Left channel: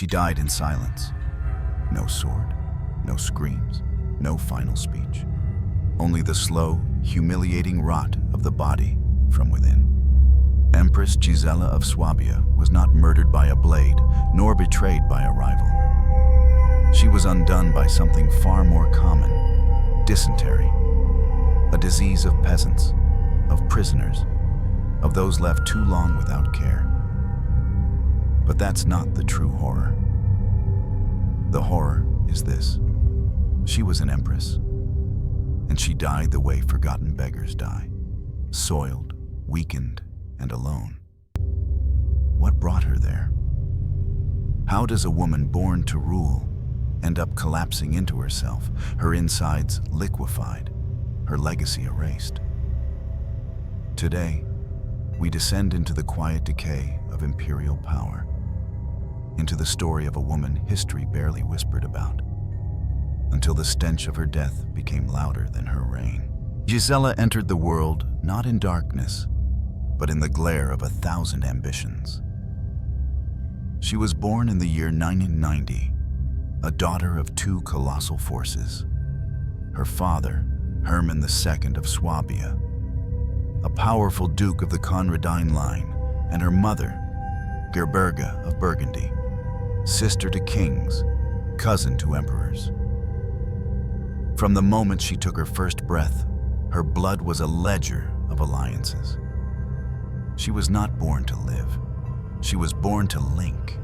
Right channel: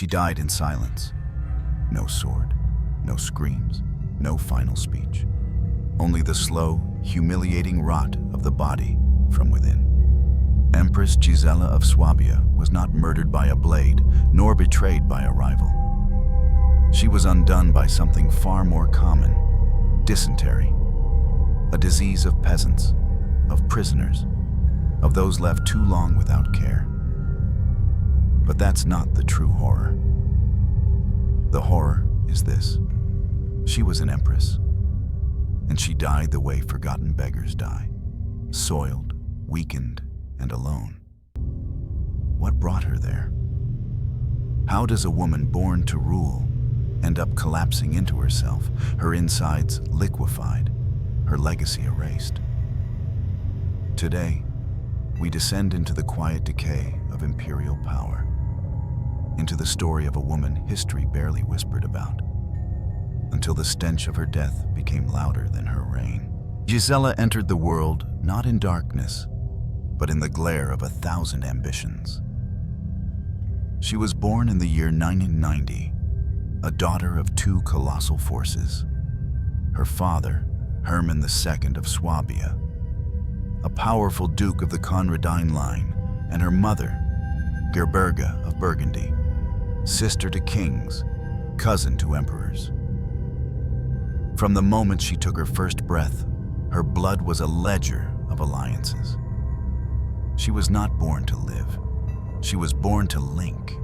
She died in silence. No sword, no screams, no final speech. Only the slow, humiliating rot of the body from within. Empress Gisela of Swabia was not murdered by a blade, nor betrayed by a rival. She was undone by something far more common: dysentery, a disease of peasants, of prisoners, of those left too long without care. But that's not the true horror. The horror is this: she was an empress, and she died the way forgotten beggars die, soiled, weakened, and alone. What brought her there? How does a woman born to rule end up collapsing into herself, her insides liquefied, her legacy erased? Today, we descend into the quiet decay of imperial power, into the story of a woman history barely whispered about, until the stench of her death became louder than her reign. Gisela entered the world not in darkness, but in the glare of 1,000 ambitions. She was born in the year 990, a daughter of two colossal forces. Her father, Hermann II of Swabia, a powerful duke of the Conradine line, and her mother, Gerberga of Burgundy, sister to kings, cousin to emperors. From the moment she took her first breath, her blood was a ledger of alliances. She was not born to live. She was born to link.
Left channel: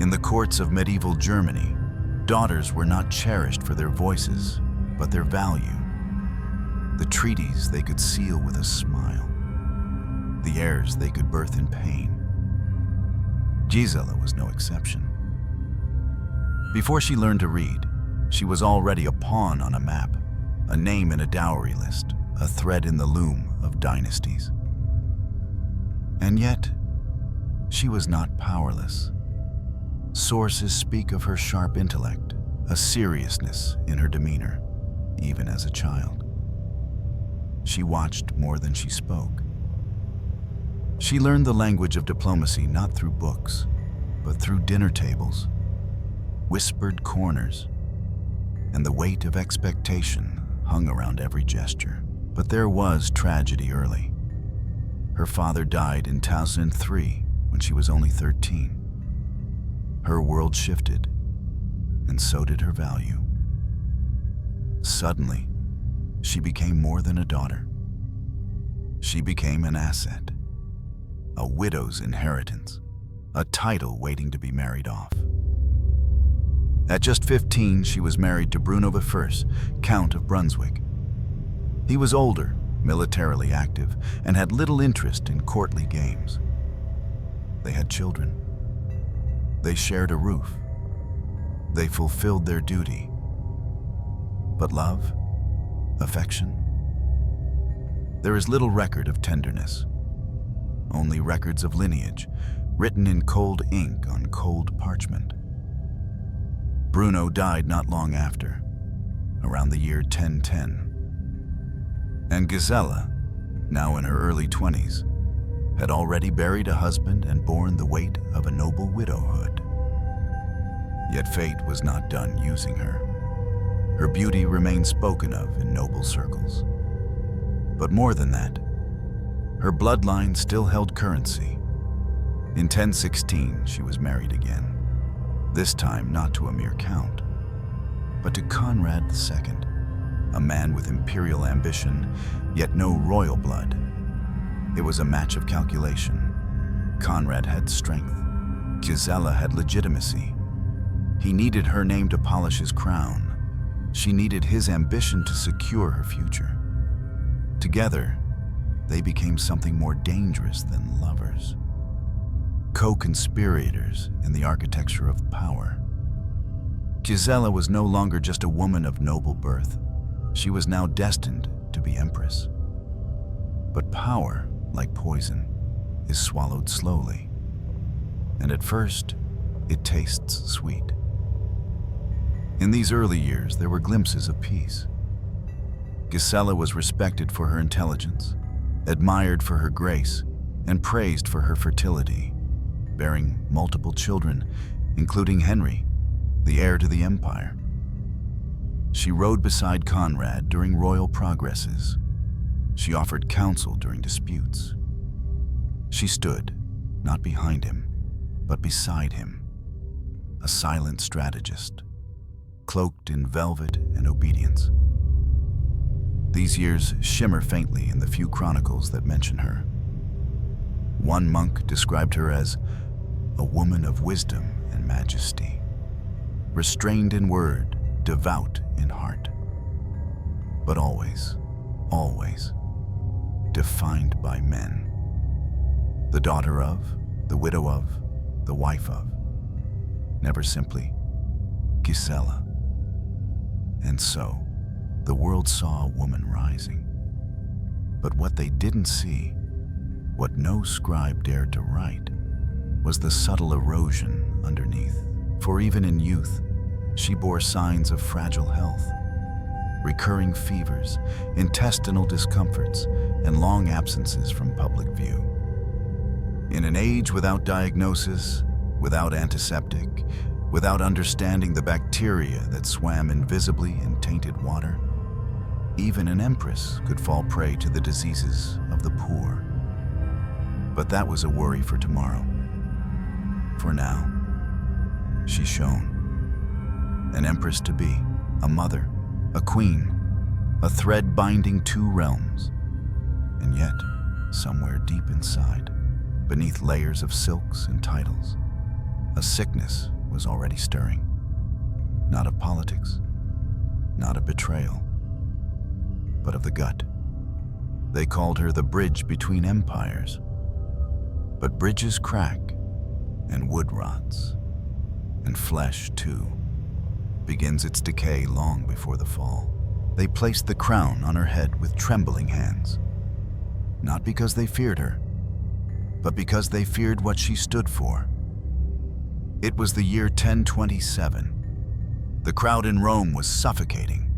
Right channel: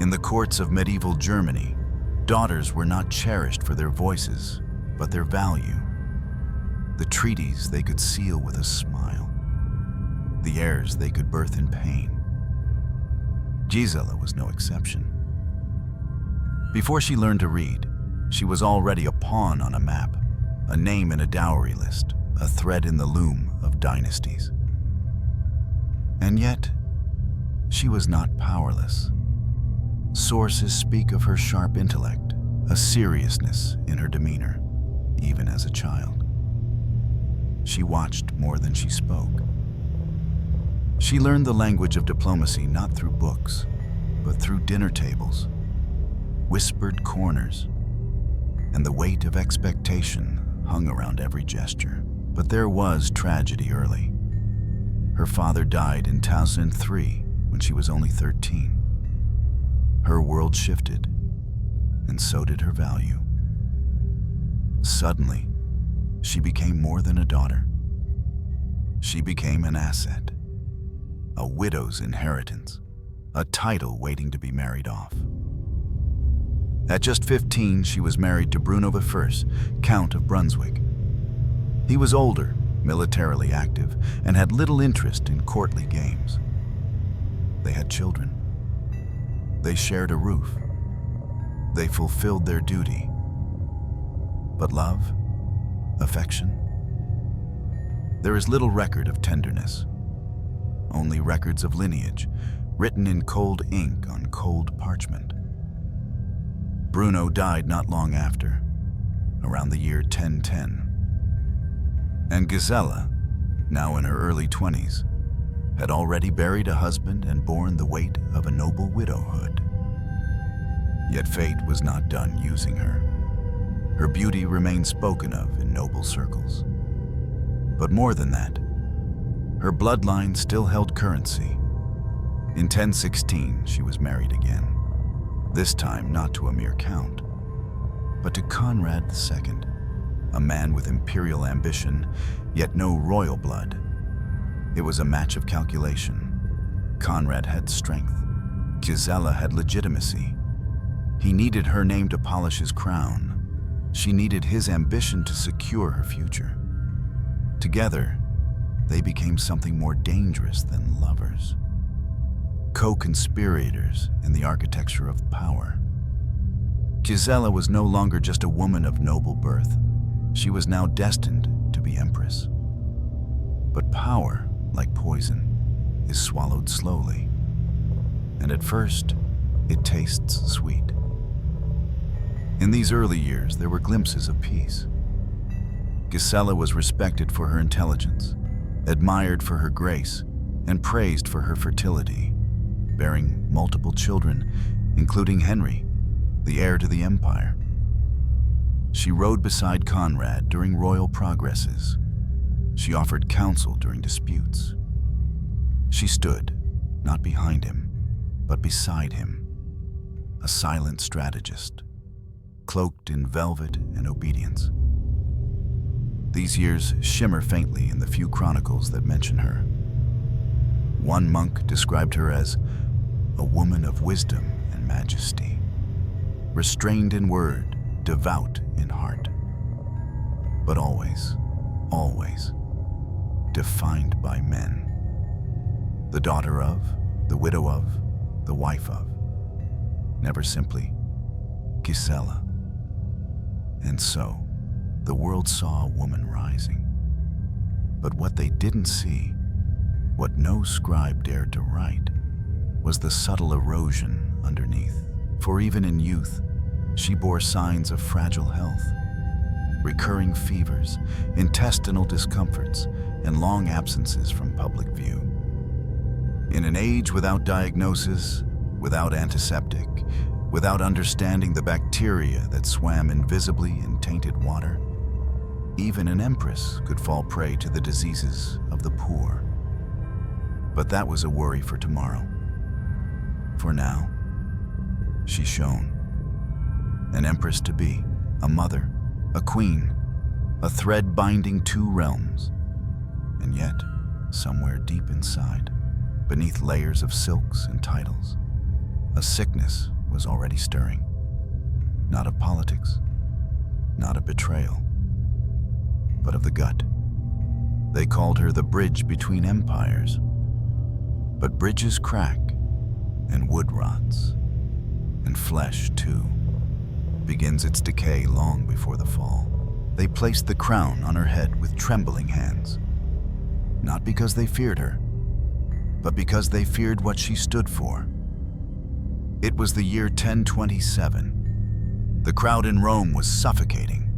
In the courts of medieval Germany, daughters were not cherished for their voices, but their value. The treaties they could seal with a smile. The heirs they could birth in pain. Gisela was no exception. Before she learned to read, she was already a pawn on a map, a name in a dowry list, a thread in the loom of dynasties. And yet, she was not powerless. Sources speak of her sharp intellect, a seriousness in her demeanor, even as a child. She watched more than she spoke. She learned the language of diplomacy not through books, but through dinner tables, whispered corners, and the weight of expectation hung around every gesture. But there was tragedy early. Her father died in 2003 when she was only 13. Her world shifted, and so did her value. Suddenly, she became more than a daughter. She became an asset, a widow's inheritance, a title waiting to be married off. At just 15, she was married to Bruno I, Count of Brunswick. He was older, militarily active, and had little interest in courtly games. They had children. They shared a roof. They fulfilled their duty. But love, affection? There is little record of tenderness, only records of lineage, written in cold ink on cold parchment. Bruno died not long after, around the year 1010. And Gisela, now in her early 20s, had already buried a husband and borne the weight of a noble widowhood. Yet fate was not done using her. Her beauty remained spoken of in noble circles. But more than that, her bloodline still held currency. In 1016, she was married again, this time not to a mere count, but to Conrad II, a man with imperial ambition, yet no royal blood. It was a match of calculation. Conrad had strength. Gisela had legitimacy. He needed her name to polish his crown. She needed his ambition to secure her future. Together, they became something more dangerous than lovers. Co-conspirators in the architecture of power. Gisela was no longer just a woman of noble birth. She was now destined to be empress. But power, like poison, is swallowed slowly. And at first, it tastes sweet. In these early years, there were glimpses of peace. Gisela was respected for her intelligence, admired for her grace, and praised for her fertility. Bearing multiple children, including Henry, the heir to the empire. She rode beside Conrad during royal progresses. She offered counsel during disputes. She stood, not behind him, but beside him, a silent strategist, cloaked in velvet and obedience. These years shimmer faintly in the few chronicles that mention her. One monk described her as a woman of wisdom and majesty, restrained in word, devout in heart, but always, always defined by men. The daughter of, the widow of, the wife of, never simply Gisela. And so, the world saw a woman rising. But what they didn't see, what no scribe dared to write, was the subtle erosion underneath. For even in youth, she bore signs of fragile health, recurring fevers, intestinal discomforts, and long absences from public view. In an age without diagnosis, without antiseptic, without understanding the bacteria that swam invisibly in tainted water, even an empress could fall prey to the diseases of the poor. But that was a worry for tomorrow. For now, she shone. An empress to be, a mother, a queen, a thread binding two realms. And yet, somewhere deep inside, beneath layers of silks and titles, a sickness was already stirring. Not of politics, not of betrayal, but of the gut. They called her the bridge between empires. But bridges crack, and wood rots, and flesh, too, begins its decay long before the fall. They placed the crown on her head with trembling hands, not because they feared her, but because they feared what she stood for. It was the year 1027. The crowd in Rome was suffocating.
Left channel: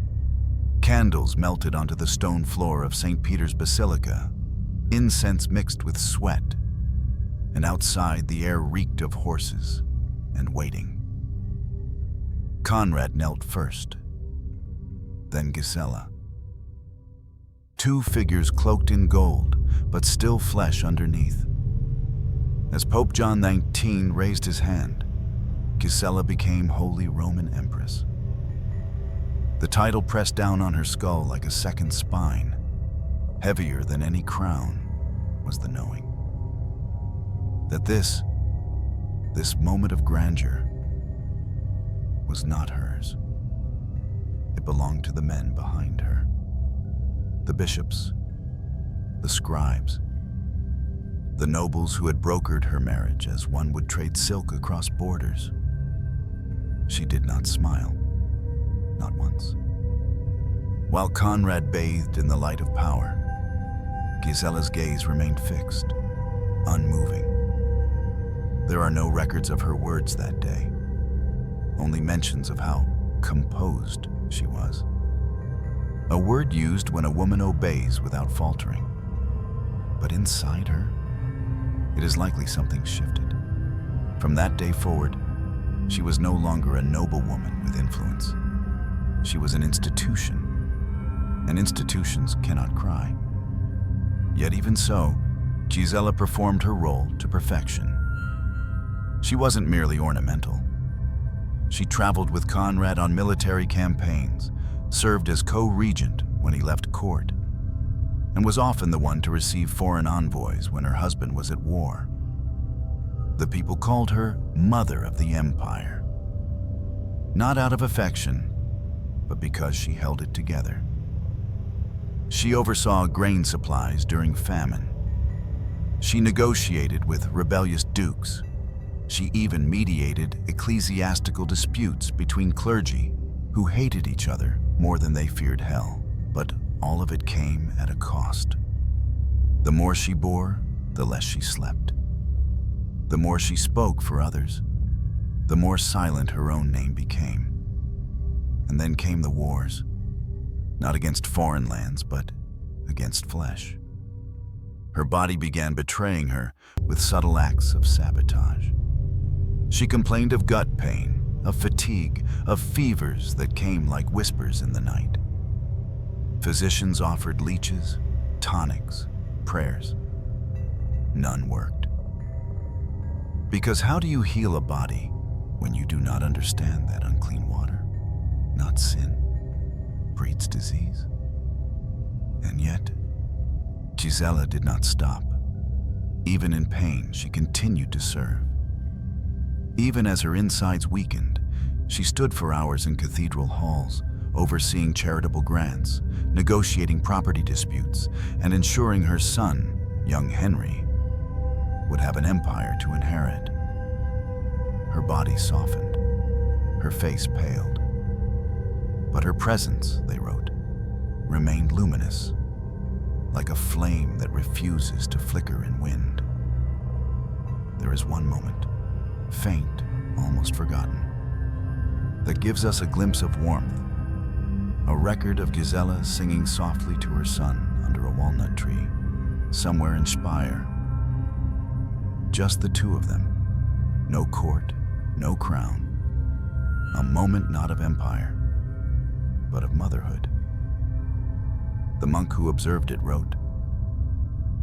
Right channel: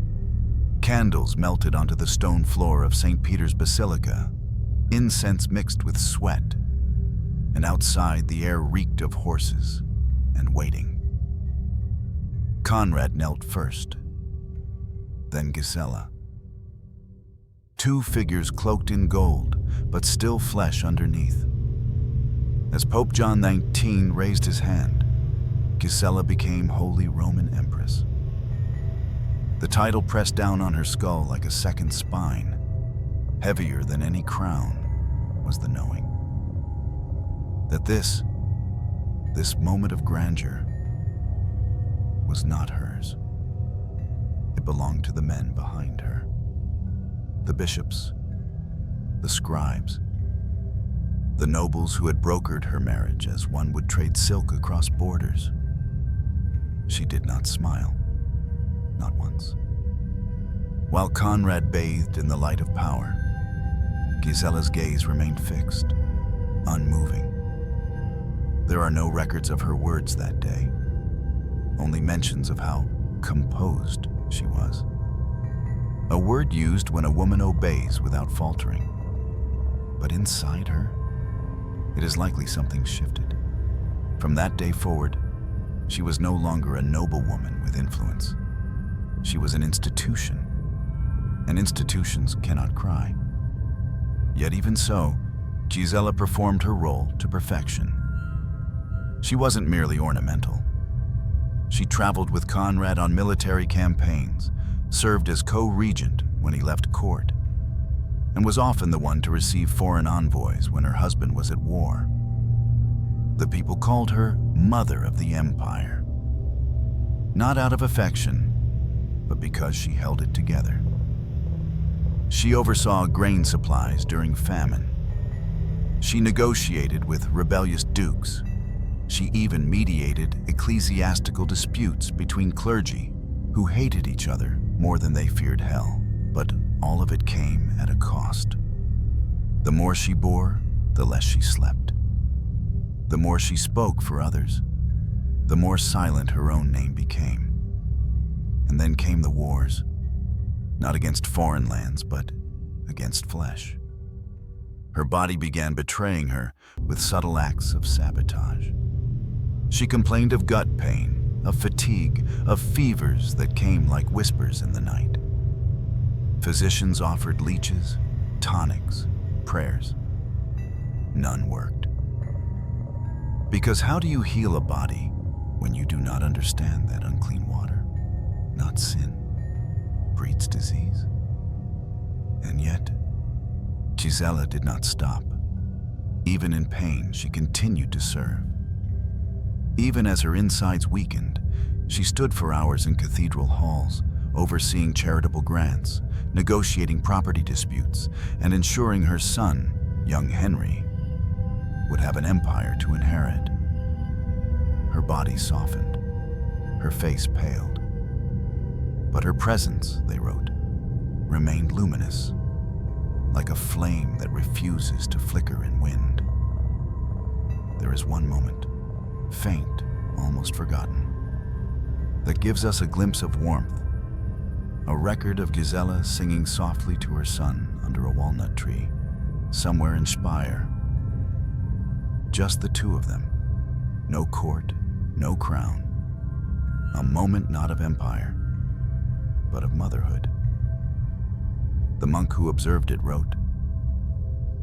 Candles melted onto the stone floor of St. Peter's Basilica, incense mixed with sweat, and outside the air reeked of horses and waiting. Conrad knelt first, then Gisela. Two figures cloaked in gold, but still flesh underneath. As Pope John XIX raised his hand, Gisela became Holy Roman Empress. The title pressed down on her skull like a second spine. Heavier than any crown was the knowing that this moment of grandeur was not hers. It belonged to the men behind her. The bishops, the scribes, the nobles who had brokered her marriage as one would trade silk across borders. She did not smile, not once. While Conrad bathed in the light of power, Gisela's gaze remained fixed, unmoving. There are no records of her words that day, only mentions of how composed she was. A word used when a woman obeys without faltering. But inside her, it is likely something shifted. From that day forward, she was no longer a noblewoman with influence. She was an institution, and institutions cannot cry. Yet even so, Gisela performed her role to perfection. She wasn't merely ornamental. She traveled with Conrad on military campaigns, served as co-regent when he left court, and was often the one to receive foreign envoys when her husband was at war. The people called her Mother of the Empire, not out of affection, but because she held it together. She oversaw grain supplies during famine. She negotiated with rebellious dukes. She even mediated ecclesiastical disputes between clergy who hated each other more than they feared hell. But all of it came at a cost. The more she bore, the less she slept. The more she spoke for others, the more silent her own name became. And then came the wars, not against foreign lands, but against flesh. Her body began betraying her with subtle acts of sabotage. She complained of gut pain, of fatigue, of fevers that came like whispers in the night. Physicians offered leeches, tonics, prayers. None worked. Because how do you heal a body when you do not understand that unclean water, not sin, breeds disease? And yet, Gisela did not stop. Even in pain, she continued to serve. Even as her insides weakened, she stood for hours in cathedral halls, overseeing charitable grants, negotiating property disputes, and ensuring her son, young Henry, would have an empire to inherit. Her body softened, her face paled. But her presence, they wrote, remained luminous, like a flame that refuses to flicker in wind. There is one moment, faint, almost forgotten, that gives us a glimpse of warmth, a record of Gisela singing softly to her son under a walnut tree, somewhere in Speyer. Just the two of them, no court, no crown, a moment not of empire, but of motherhood. The monk who observed it wrote,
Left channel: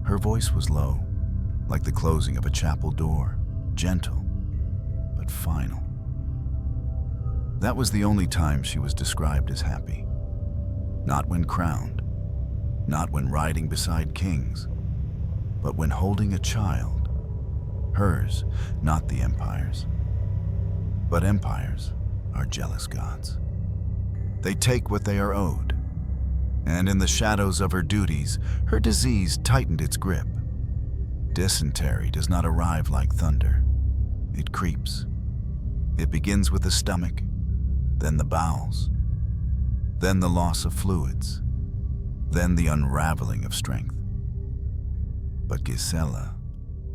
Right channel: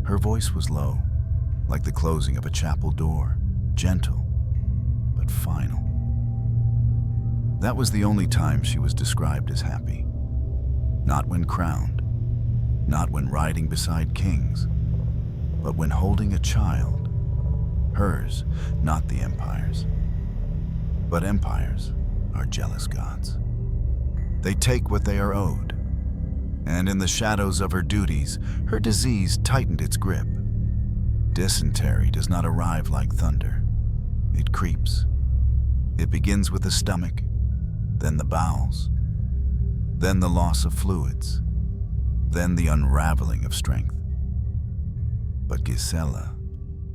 "Her voice was low, like the closing of a chapel door, gentle, but final." That was the only time she was described as happy. Not when crowned, not when riding beside kings, but when holding a child, hers, not the empire's. But empires are jealous gods. They take what they are owed, and in the shadows of her duties, her disease tightened its grip. Dysentery does not arrive like thunder. It creeps. It begins with the stomach, then the bowels, then the loss of fluids, then the unraveling of strength. But Gisela,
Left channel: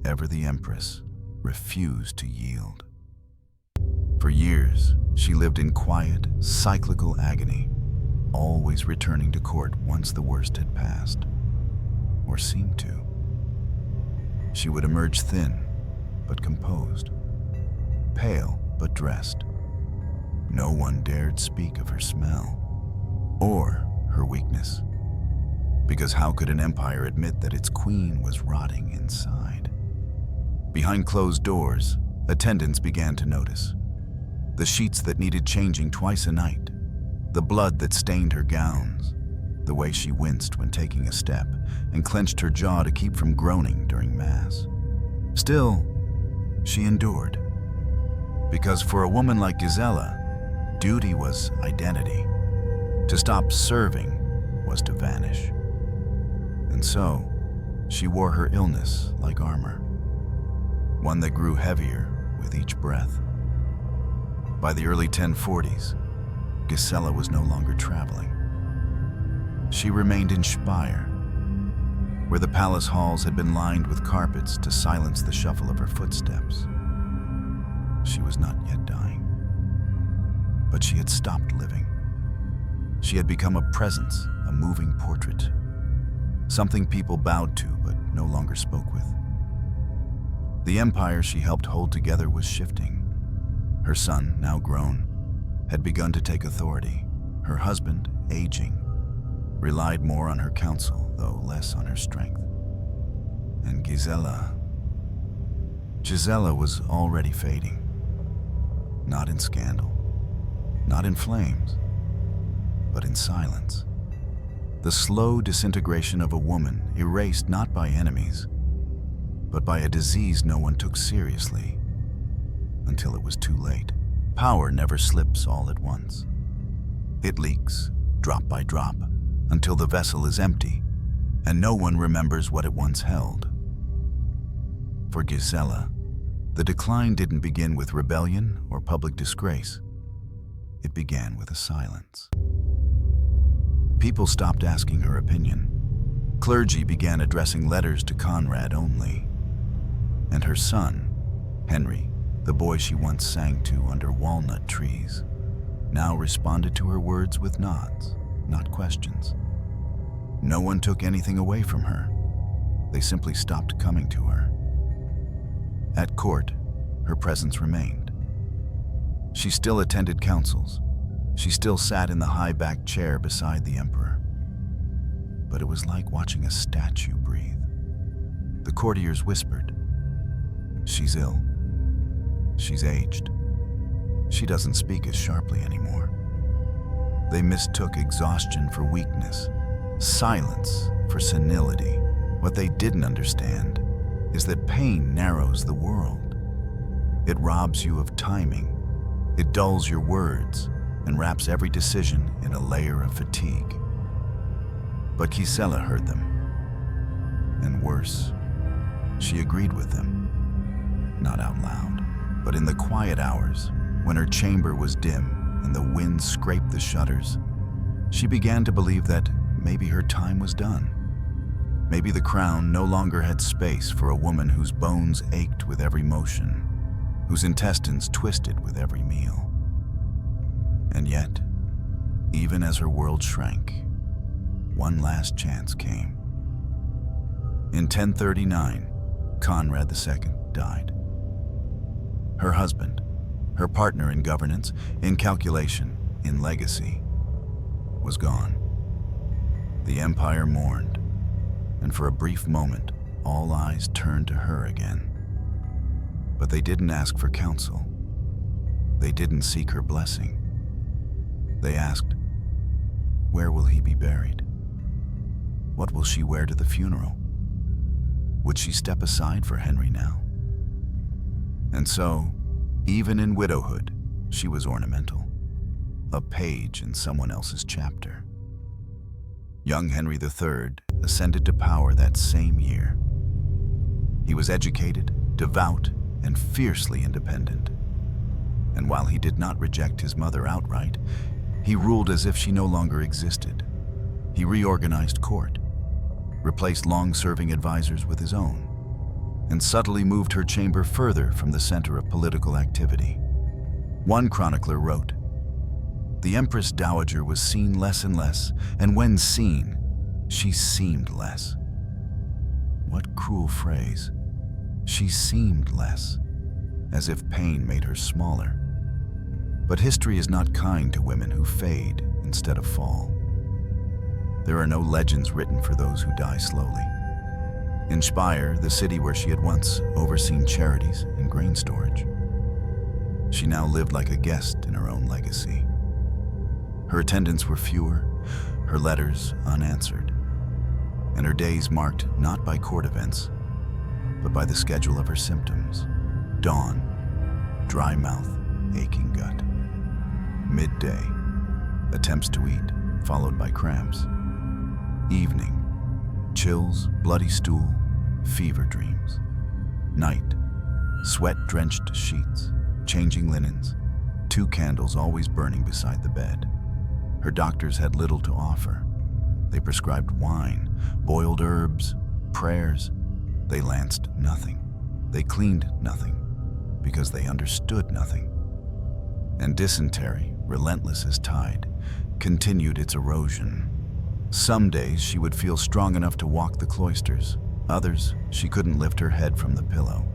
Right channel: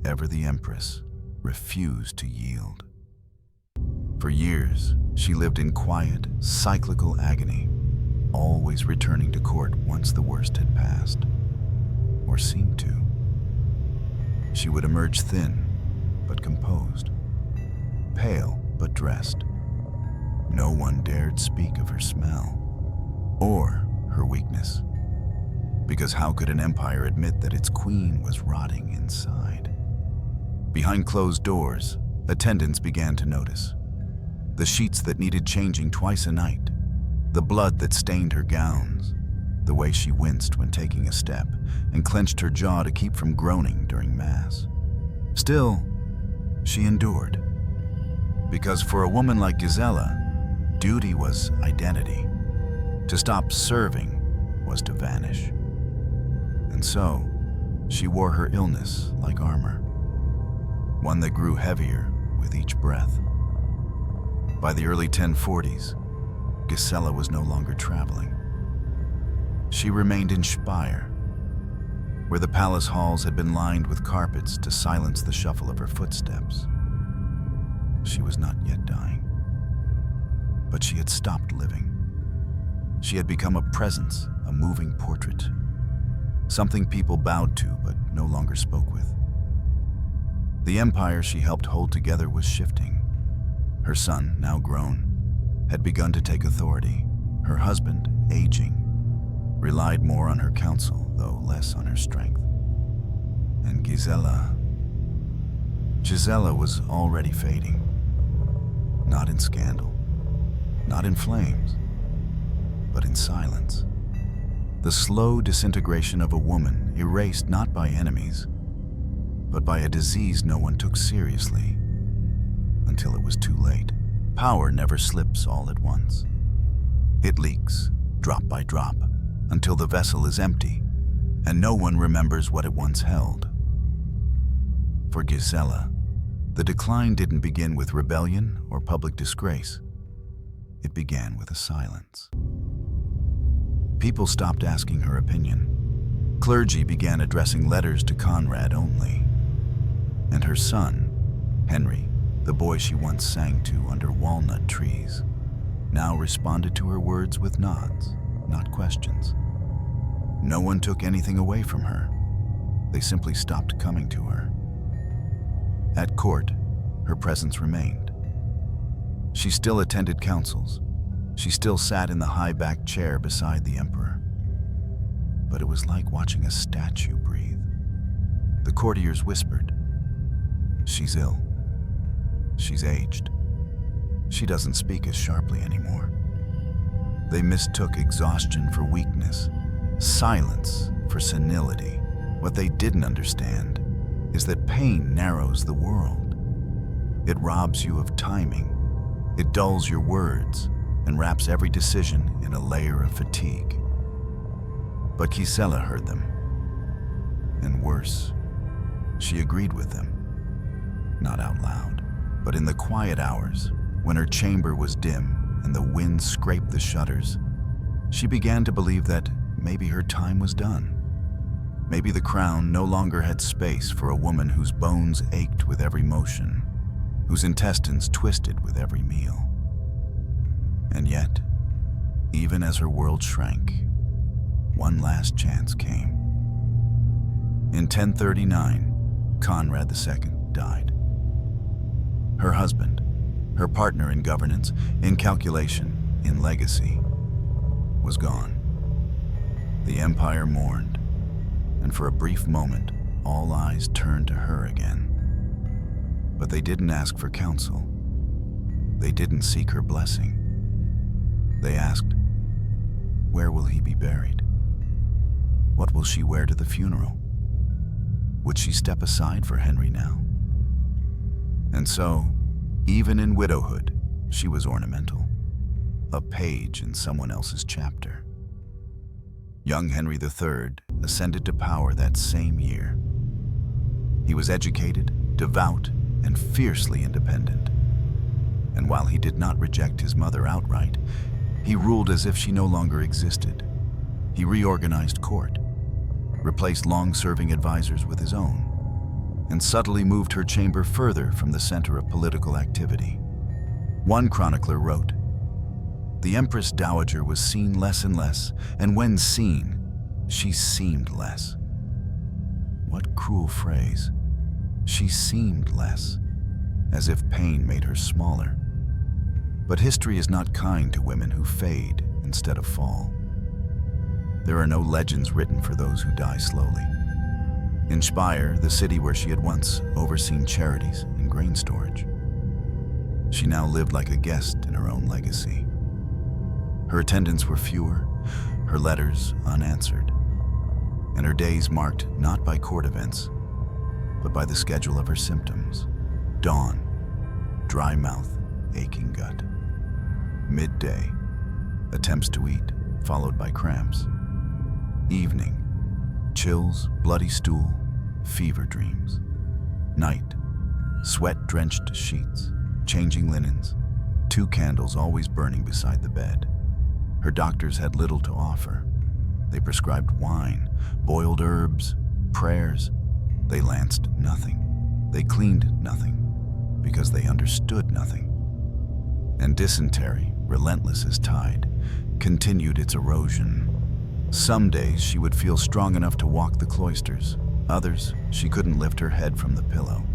ever the empress, refused to yield. For years, she lived in quiet, cyclical agony, always returning to court once the worst had passed, or seemed to. She would emerge thin, but composed, pale, but dressed. No one dared speak of her smell, or her weakness, because how could an empire admit that its queen was rotting inside? Behind closed doors, attendants began to notice. The sheets that needed changing twice a night, the blood that stained her gowns, the way she winced when taking a step and clenched her jaw to keep from groaning during Mass. Still, she endured. Because for a woman like Gisela, duty was identity. To stop serving was to vanish. And so, she wore her illness like armor, one that grew heavier with each breath. By the early 1040s, Gisela was no longer traveling. She remained in Speyer, where the palace halls had been lined with carpets to silence the shuffle of her footsteps. She was not yet dying, but she had stopped living. She had become a presence, a moving portrait, something people bowed to but no longer spoke with. The empire she helped hold together was shifting. Her son, now grown, had begun to take authority. Her husband, aging, relied more on her counsel, though less on her strength. And Gisela was already fading. Not in scandal, not in flames, but in silence. The slow disintegration of a woman erased not by enemies, but by a disease no one took seriously, until it was too late. Power never slips all at once. It leaks, drop by drop, until the vessel is empty, and no one remembers what it once held. For Gisela, the decline didn't begin with rebellion or public disgrace. It began with a silence. People stopped asking her opinion. Clergy began addressing letters to Conrad only. And her son, Henry, the boy she once sang to under walnut trees, now responded to her words with nods, not questions. No one took anything away from her. They simply stopped coming to her. At court, her presence remained. She still attended councils. She still sat in the high-backed chair beside the emperor. But it was like watching a statue breathe. The courtiers whispered, "She's ill. She's aged. She doesn't speak as sharply anymore." They mistook exhaustion for weakness, silence for senility. What they didn't understand is that pain narrows the world. It robs you of timing. It dulls your words and wraps every decision in a layer of fatigue. But Gisela heard them. And worse, she agreed with them. Not out loud, but in the quiet hours, when her chamber was dim and the wind scraped the shutters, she began to believe that maybe her time was done. Maybe the crown no longer had space for a woman whose bones ached with every motion, whose intestines twisted with every meal. And yet, even as her world shrank, one last chance came. In 1039, Conrad II died. Her husband, her partner in governance, in calculation, in legacy, was gone. The empire mourned, and for a brief moment, all eyes turned to her again. But they didn't ask for counsel. They didn't seek her blessing. They asked, "Where will he be buried? What will she wear to the funeral? Would she step aside for Henry now?" And so, even in widowhood, she was ornamental, a page in someone else's chapter. Young Henry III ascended to power that same year. He was educated, devout, and fiercely independent. And while he did not reject his mother outright, he ruled as if she no longer existed. He reorganized court, replaced long-serving advisors with his own, and subtly moved her chamber further from the center of political activity. One chronicler wrote, "The Empress Dowager was seen less and less, and when seen, she seemed less." What cruel phrase. She seemed less, as if pain made her smaller. But history is not kind to women who fade instead of fall. There are no legends written for those who die slowly. In Speyer, the city where she had once overseen charities and grain storage, she now lived like a guest in her own legacy. Her attendants were fewer, her letters unanswered, and her days marked not by court events, but by the schedule of her symptoms. Dawn, dry mouth, aching gut. Midday, attempts to eat, followed by cramps. Evening, chills, bloody stool, fever dreams. Night, sweat-drenched sheets, changing linens, 2 candles always burning beside the bed. Her doctors had little to offer. They prescribed wine, boiled herbs, prayers. They lanced nothing. They cleaned nothing, because they understood nothing. And dysentery, relentless as tide, continued its erosion. Some days she would feel strong enough to walk the cloisters. Others, she couldn't lift her head from the pillow.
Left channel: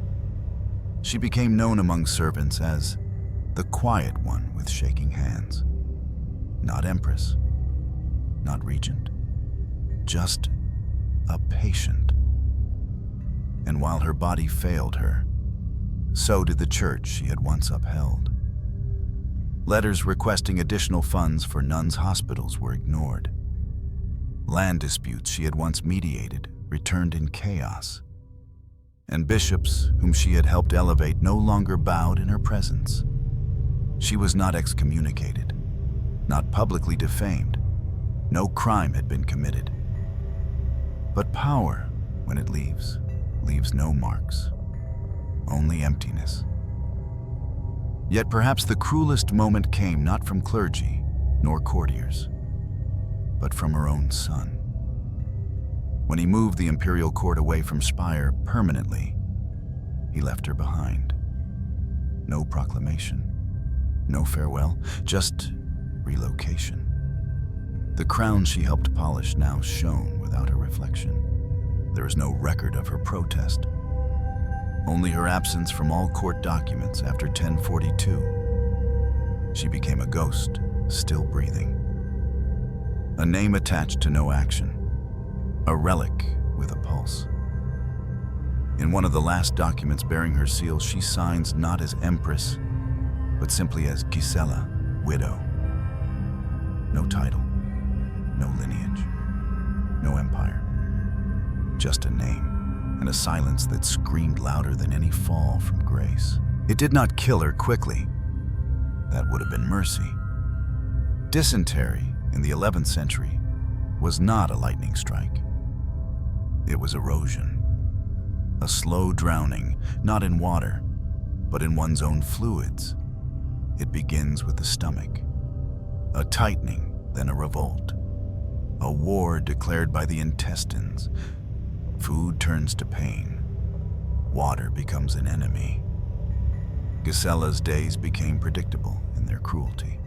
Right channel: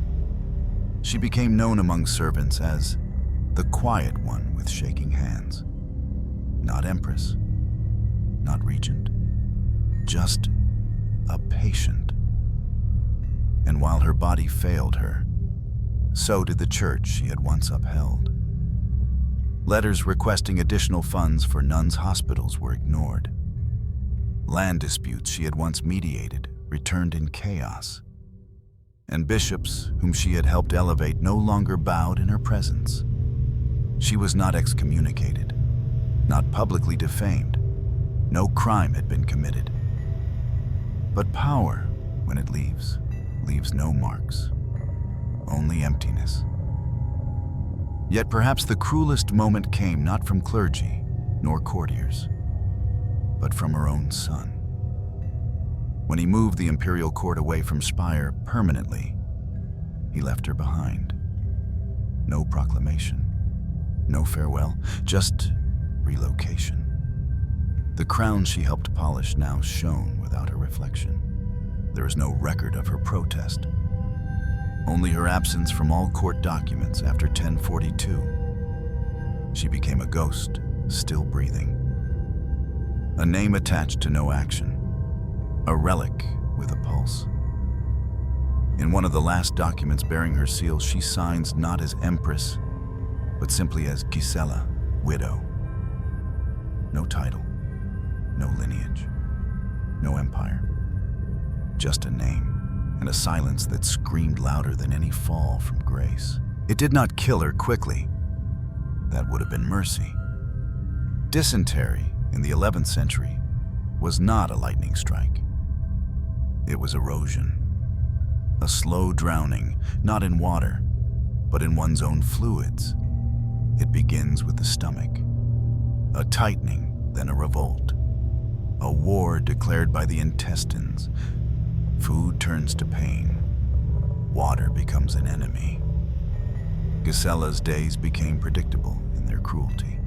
She became known among servants as the quiet one with shaking hands. Not empress, not regent, just a patient. And while her body failed her, so did the church she had once upheld. Letters requesting additional funds for nuns' hospitals were ignored. Land disputes she had once mediated returned in chaos. And bishops whom she had helped elevate no longer bowed in her presence. She was not excommunicated, not publicly defamed. No crime had been committed. But power, when it leaves no marks, only emptiness. Yet perhaps the cruelest moment came not from clergy nor courtiers, but from her own son. When he moved the imperial court away from Speyer permanently, he left her behind. No proclamation, no farewell, just relocation. The crown she helped polish now shone without her reflection. There is no record of her protest, only her absence from all court documents after 1042. She became a ghost, still breathing. A name attached to no action. A relic with a pulse. In one of the last documents bearing her seal, she signs not as Empress, but simply as Gisela, widow. No title, no lineage, no empire. Just a name, and a silence that screamed louder than any fall from grace. It did not kill her quickly. That would have been mercy. Dysentery in the 11th century was not a lightning strike. It was erosion. A slow drowning, not in water, but in one's own fluids. It begins with the stomach. A tightening, then a revolt. A war declared by the intestines. Food turns to pain. Water becomes an enemy. Gisela's days became predictable in their cruelty.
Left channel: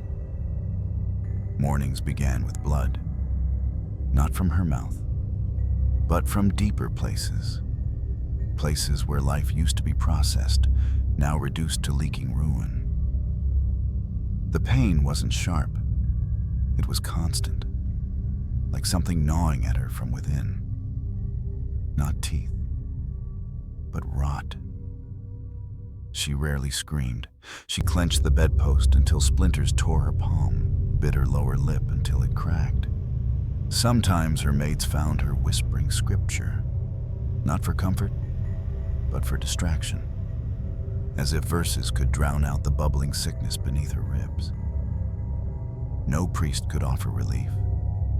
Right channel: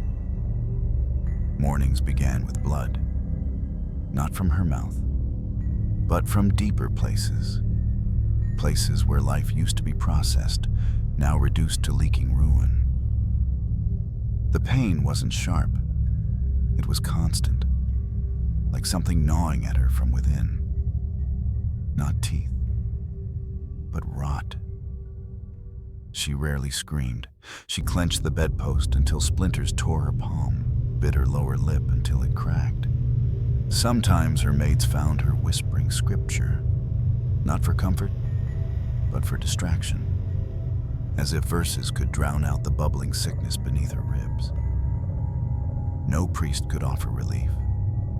Mornings began with blood, not from her mouth, but from deeper places. Places where life used to be processed, now reduced to leaking ruin. The pain wasn't sharp. It was constant, like something gnawing at her from within. Not teeth, but rot. She rarely screamed. She clenched the bedpost until splinters tore her palm, bit her lower lip until it cracked. Sometimes her maids found her whispering scripture, not for comfort, but for distraction, as if verses could drown out the bubbling sickness beneath her ribs. No priest could offer relief.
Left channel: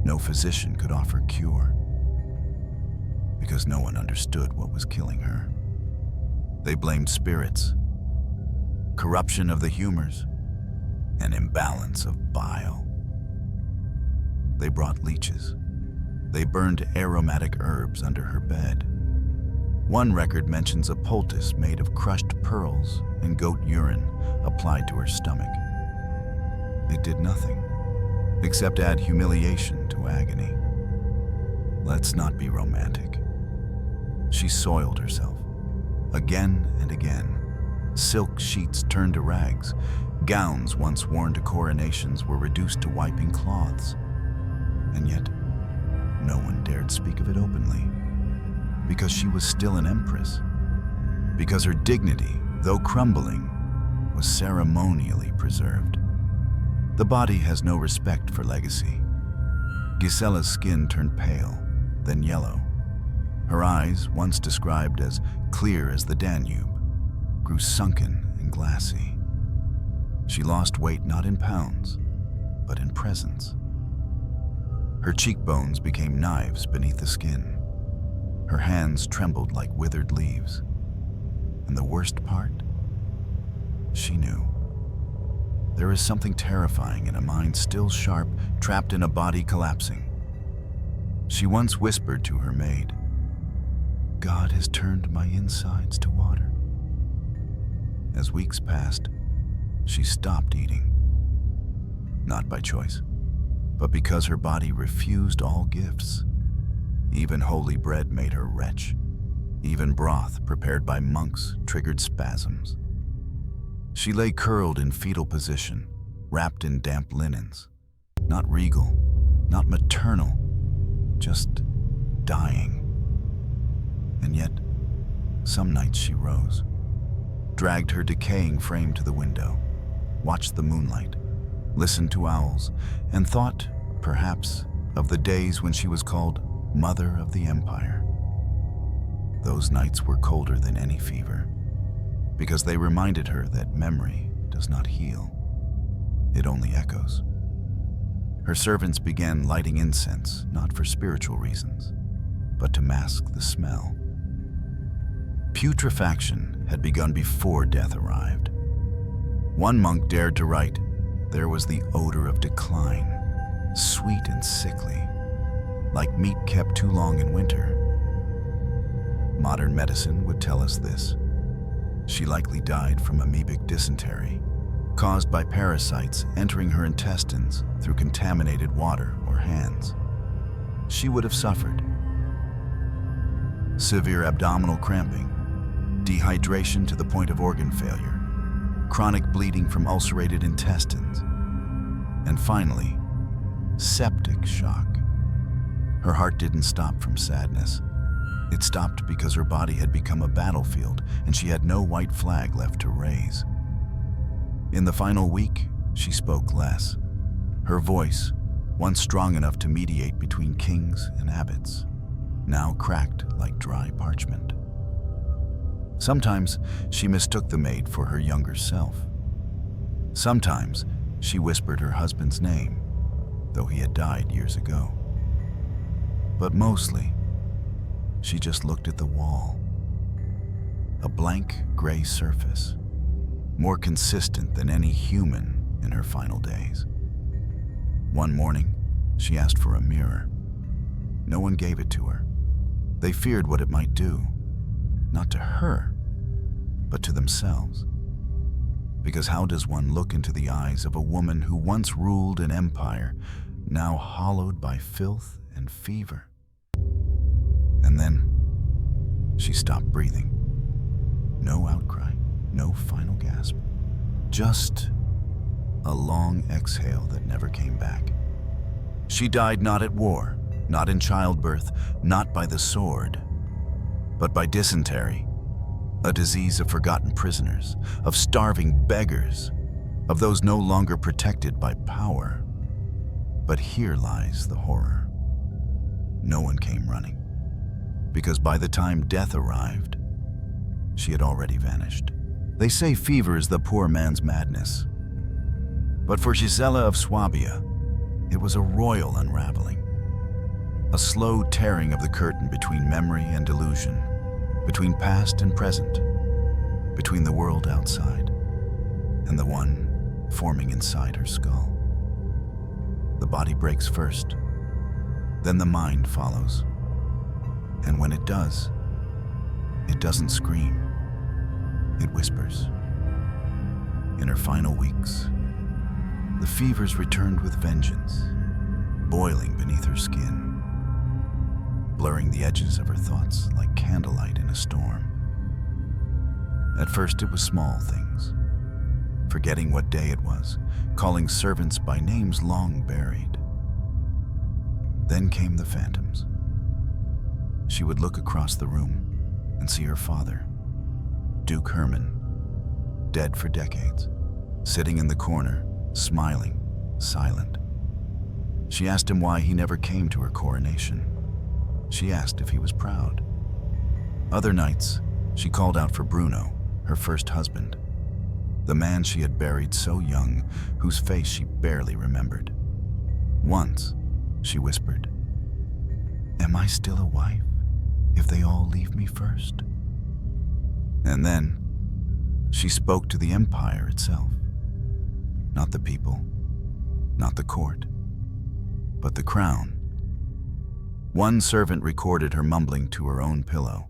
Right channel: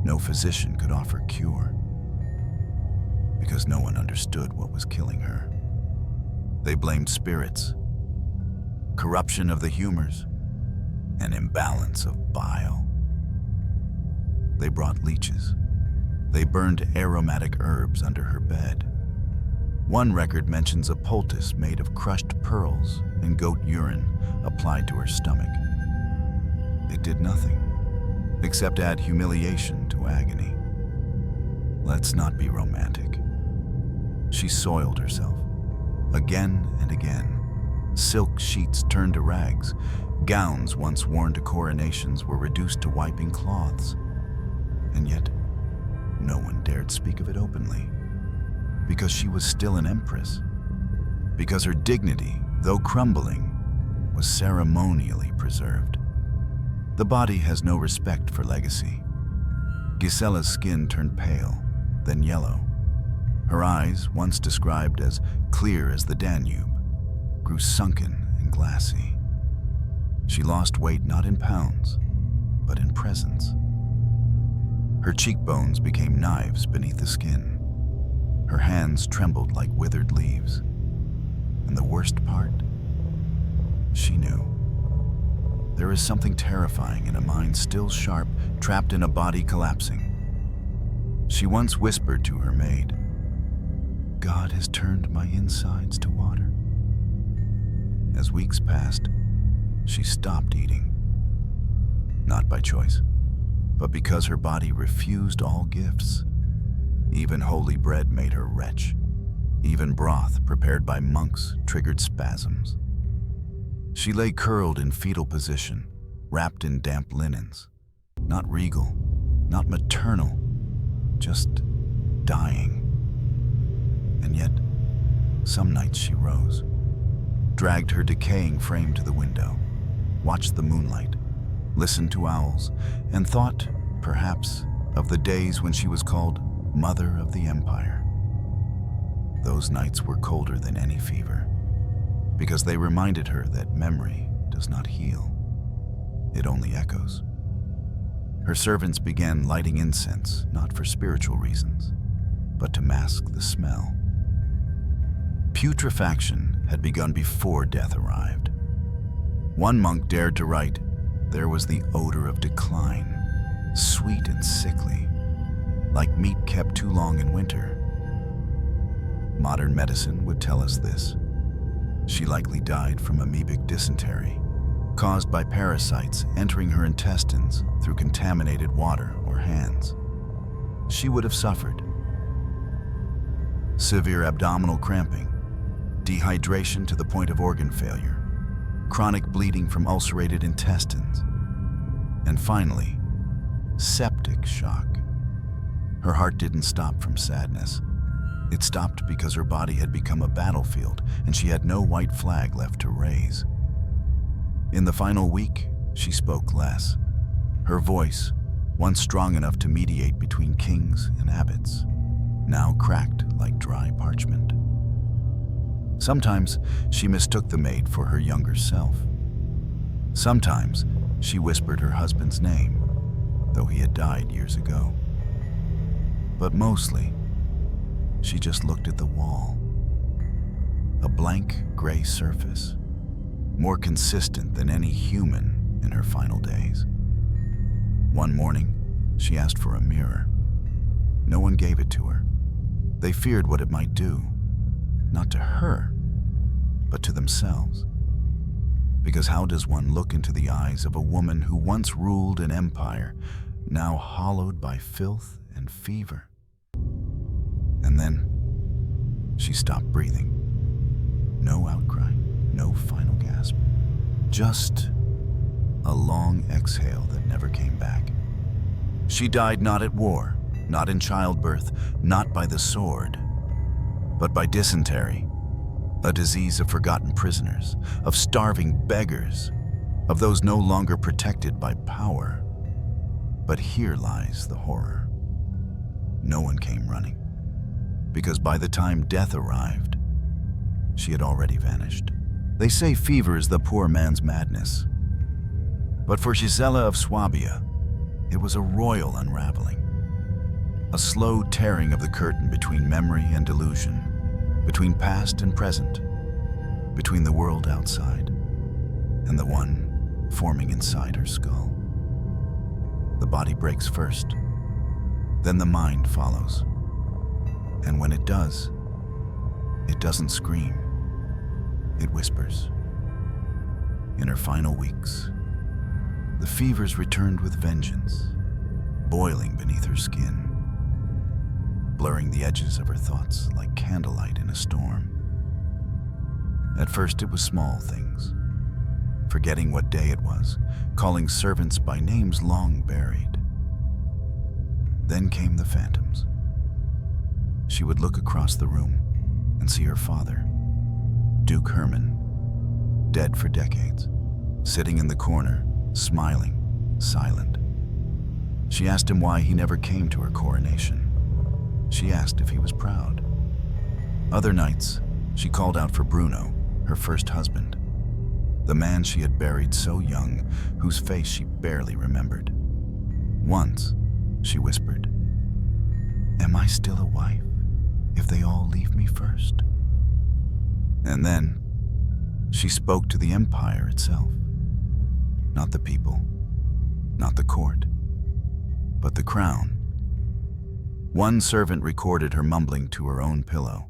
No physician could offer cure, because no one understood what was killing her. They blamed spirits, corruption of the humors, an imbalance of bile. They brought leeches. They burned aromatic herbs under her bed. One record mentions a poultice made of crushed pearls and goat urine applied to her stomach. It did nothing, except add humiliation to agony. Let's not be romantic. She soiled herself, again and again. Silk sheets turned to rags. Gowns once worn to coronations were reduced to wiping cloths. And yet, no one dared speak of it openly, because she was still an empress, because her dignity, though crumbling, was ceremonially preserved. The body has no respect for legacy. Gisela's skin turned pale, then yellow. Her eyes, once described as clear as the Danube, grew sunken and glassy. She lost weight not in pounds, but in presence. Her cheekbones became knives beneath the skin. Her hands trembled like withered leaves. And the worst part? She knew. There is something terrifying in a mind still sharp, trapped in a body collapsing. She once whispered to her maid, "God has turned my insides to water." As weeks passed, she stopped eating. Not by choice, but because her body refused all gifts. Even holy bread made her retch. Even broth prepared by monks triggered spasms. She lay curled in fetal position, wrapped in damp linens. Not regal, not maternal, just dying. And yet, some nights she rose, dragged her decaying frame to the window, watched the moonlight, listened to owls, and thought, perhaps, of the days when she was called Mother of the Empire. Those nights were colder than any fever, because they reminded her that memory does not heal. It only echoes. Her servants began lighting incense, not for spiritual reasons, but to mask the smell. Putrefaction had begun before death arrived. One monk dared to write, "There was the odor of decline, sweet and sickly, like meat kept too long in winter." Modern medicine would tell us this. She likely died from amoebic dysentery, caused by parasites entering her intestines through contaminated water or hands. She would have suffered severe abdominal cramping, dehydration to the point of organ failure, chronic bleeding from ulcerated intestines, and finally, septic shock. Her heart didn't stop from sadness. It stopped because her body had become a battlefield and she had no white flag left to raise. In the final week, she spoke less. Her voice, once strong enough to mediate between kings and abbots, now cracked like dry parchment. Sometimes she mistook the maid for her younger self. Sometimes she whispered her husband's name, though he had died years ago. But mostly, she just looked at the wall. A blank gray surface, more consistent than any human in her final days. One morning, she asked for a mirror. No one gave it to her. They feared what it might do, not to her, but to themselves. Because how does one look into the eyes of a woman who once ruled an empire, now hollowed by filth and fever? And then she stopped breathing. No outcry, no final gasp. Just a long exhale that never came back. She died not at war, not in childbirth, not by the sword, but by dysentery, a disease of forgotten prisoners, of starving beggars, of those no longer protected by power. But here lies the horror. No one came running, because by the time death arrived, she had already vanished. They say fever is the poor man's madness. But for Gisela of Swabia, it was a royal unraveling. A slow tearing of the curtain between memory and delusion, between past and present, between the world outside and the one forming inside her skull. The body breaks first, then the mind follows. And when it does, it doesn't scream, it whispers. In her final weeks, the fevers returned with vengeance, boiling beneath her skin, blurring the edges of her thoughts like candlelight in a storm. At first it was small things, forgetting what day it was, calling servants by names long buried. Then came the phantoms. She would look across the room and see her father, Duke Herman, dead for decades, sitting in the corner, smiling, silent. She asked him why he never came to her coronation. She asked if he was proud. Other nights, she called out for Bruno, her first husband, the man she had buried so young, whose face she barely remembered. Once, she whispered, "Am I still a wife if they all leave me first?" And then, she spoke to the empire itself. Not the people, not the court, but the crown. One servant recorded her mumbling to her own pillow,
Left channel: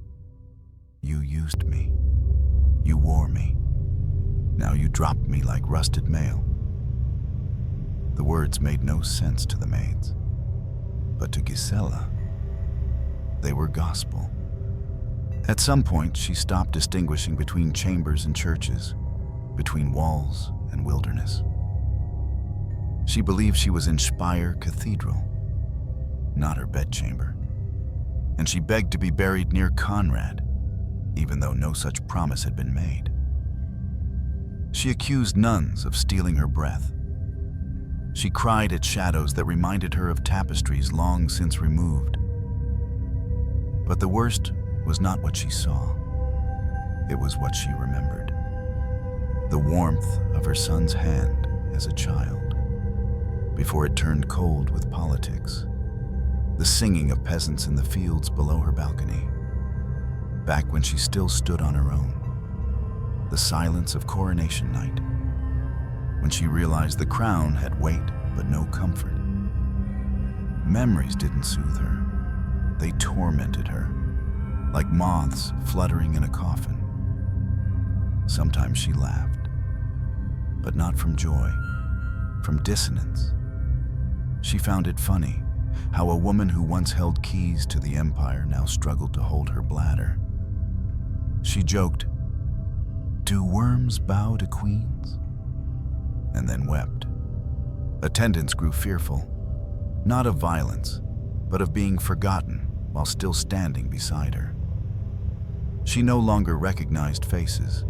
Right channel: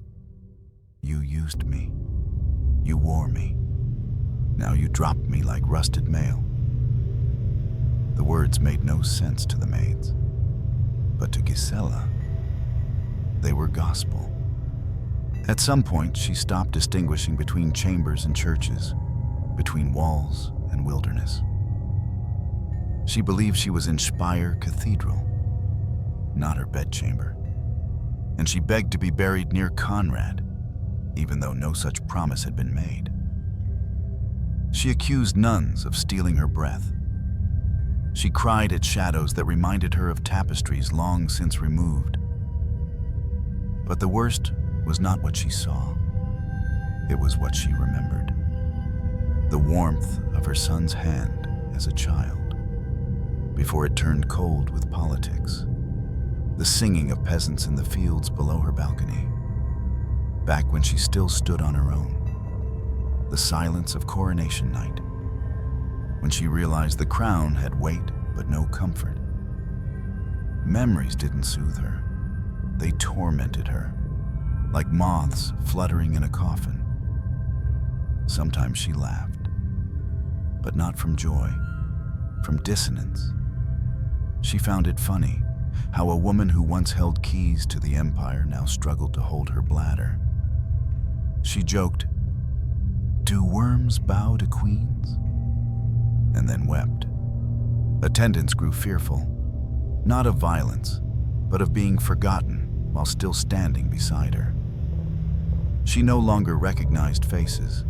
"You used me. You wore me. Now you drop me like rusted mail." The words made no sense to the maids, but to Gisela, they were gospel. At some point, she stopped distinguishing between chambers and churches, between walls and wilderness. She believed she was in Speyer Cathedral, not her bedchamber, and she begged to be buried near Conrad, even though no such promise had been made. She accused nuns of stealing her breath. She cried at shadows that reminded her of tapestries long since removed. But the worst was not what she saw. It was what she remembered. The warmth of her son's hand as a child, before it turned cold with politics. The singing of peasants in the fields below her balcony, back when she still stood on her own. The silence of coronation night, when she realized the crown had weight but no comfort. Memories didn't soothe her. They tormented her, like moths fluttering in a coffin. Sometimes she laughed, but not from joy, from dissonance. She found it funny how a woman who once held keys to the empire now struggled to hold her bladder. She joked, Do worms bow to queens? And then wept. Attendants grew fearful, not of violence, but of being forgotten while still standing beside her. She no longer recognized faces.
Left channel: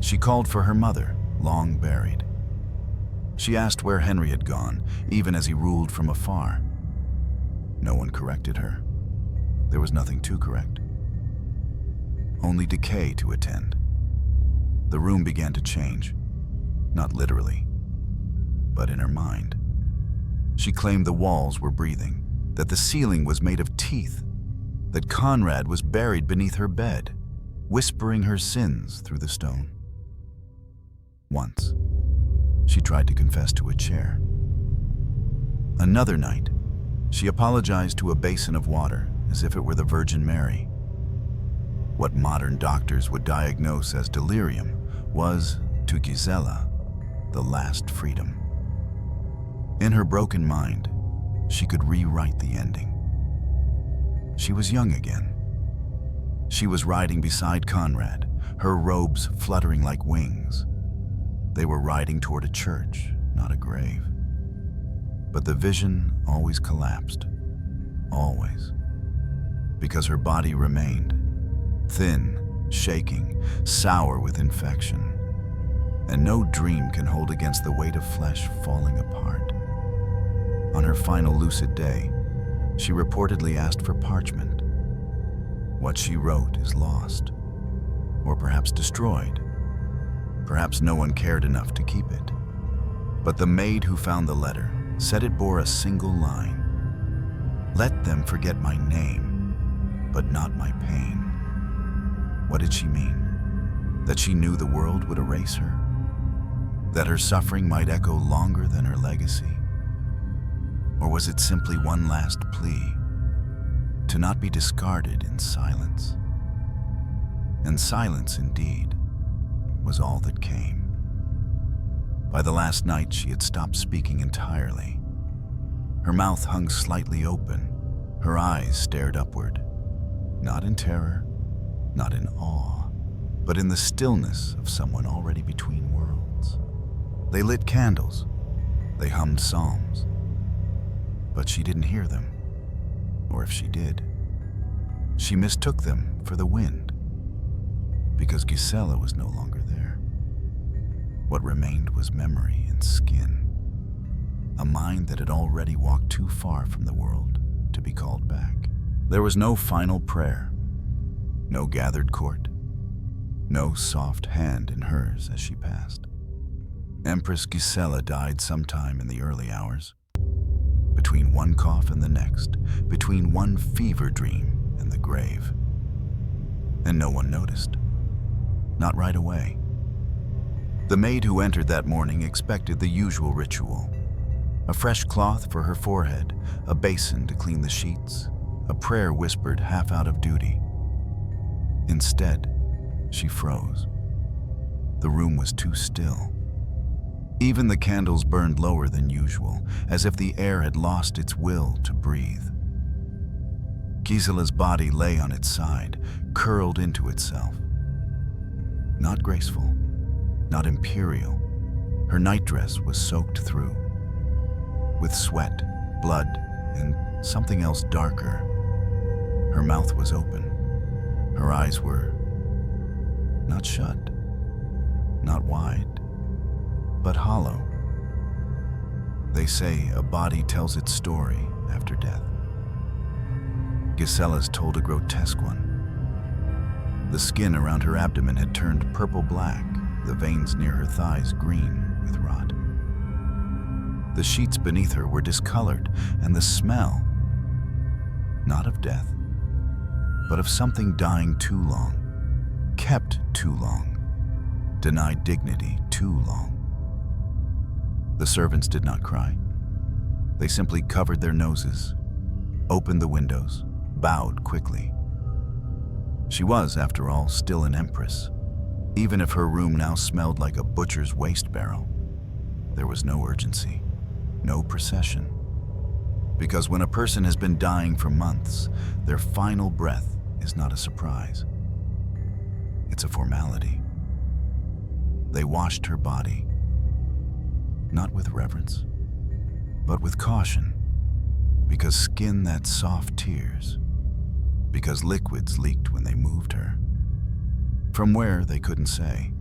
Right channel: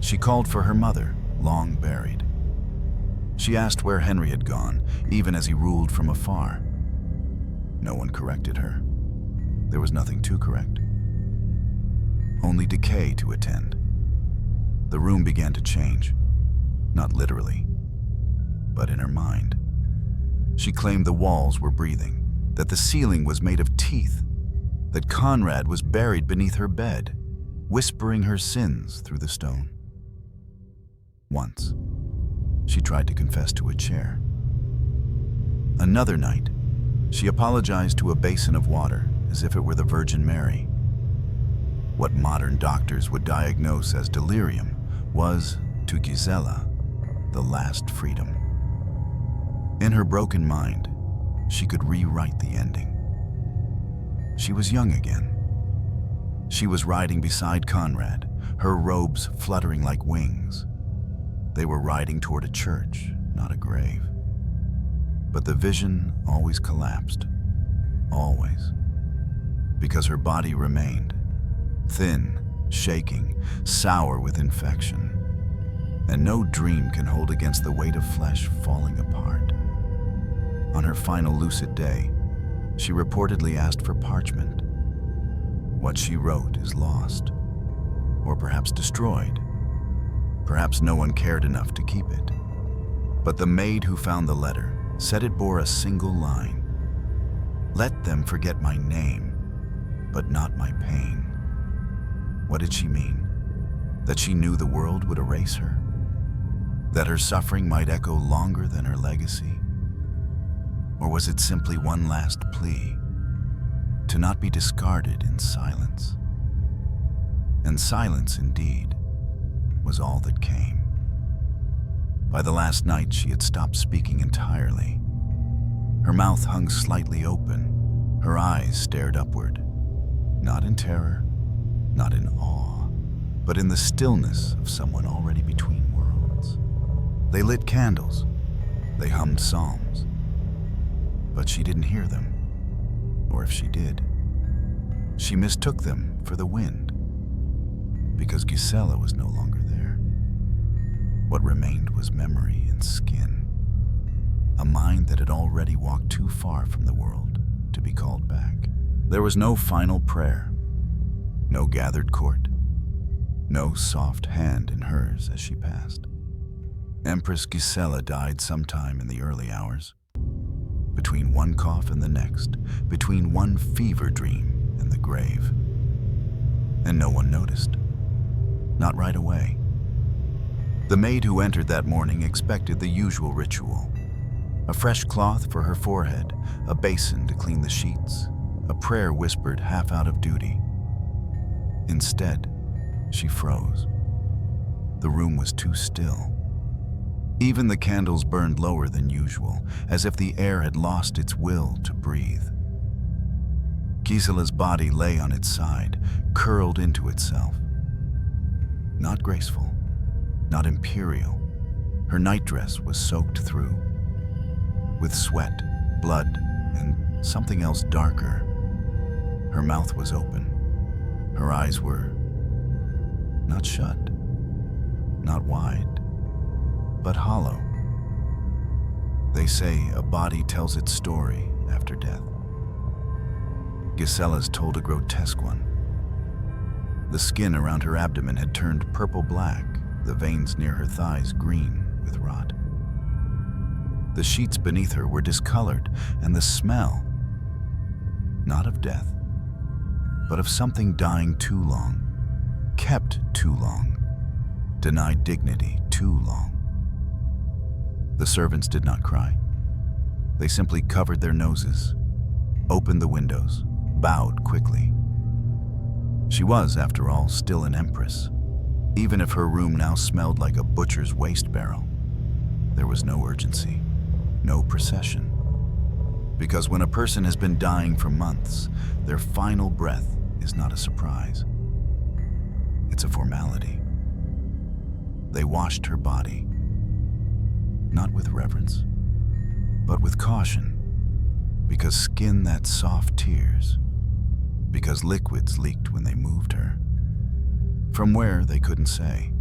She called for her mother, long buried. She asked where Henry had gone, even as he ruled from afar. No one corrected her. There was nothing to correct. Only decay to attend. The room began to change, not literally, but in her mind. She claimed the walls were breathing, that the ceiling was made of teeth, that Conrad was buried beneath her bed, whispering her sins through the stone. Once, she tried to confess to a chair. Another night, she apologized to a basin of water as if it were the Virgin Mary. What modern doctors would diagnose as delirium was, to Gisela, the last freedom. In her broken mind, she could rewrite the ending. She was young again. She was riding beside Conrad, her robes fluttering like wings. They were riding toward a church, not a grave. But the vision always collapsed. Always. Because her body remained. Thin, shaking, sour with infection. And no dream can hold against the weight of flesh falling apart. On her final lucid day, she reportedly asked for parchment. What she wrote is lost, or perhaps destroyed. Perhaps no one cared enough to keep it. But the maid who found the letter said it bore a single line. Let them forget my name, but not my pain. What did she mean? That she knew the world would erase her? That her suffering might echo longer than her legacy? Or was it simply one last plea to not be discarded in silence? And silence, indeed, was all that came. By the last night, she had stopped speaking entirely. Her mouth hung slightly open. Her eyes stared upward, not in terror, not in awe, but in the stillness of someone already between worlds. They lit candles. They hummed psalms. But she didn't hear them. Or if she did, she mistook them for the wind. Because Gisela was no longer there. What remained was memory and skin. A mind that had already walked too far from the world to be called back. There was no final prayer. No gathered court. No soft hand in hers as she passed. Empress Gisela died sometime in the early hours. Between one cough and the next, between one fever dream and the grave. And no one noticed. Not right away. The maid who entered that morning expected the usual ritual. A fresh cloth for her forehead, a basin to clean the sheets, a prayer whispered half out of duty. Instead, she froze. The room was too still. Even the candles burned lower than usual, as if the air had lost its will to breathe. Gisela's body lay on its side, curled into itself. Not graceful, not imperial. Her nightdress was soaked through, with sweat, blood, and something else darker. Her mouth was open. Her eyes were not shut, not wide, but hollow. They say a body tells its story after death. Gisela's told a grotesque one. The skin around her abdomen had turned purple-black, the veins near her thighs green with rot. The sheets beneath her were discolored, and the smell, not of death, but of something dying too long, kept too long, denied dignity too long. The servants did not cry. They simply covered their noses, opened the windows, bowed quickly. She was, after all, still an empress. Even if her room now smelled like a butcher's waste barrel, there was no urgency, no procession. Because when a person has been dying for months, their final breath is not a surprise. It's a formality. They washed her body, not with reverence, but with caution, because skin that soft tears, because liquids leaked when they moved her. From where, they couldn't say,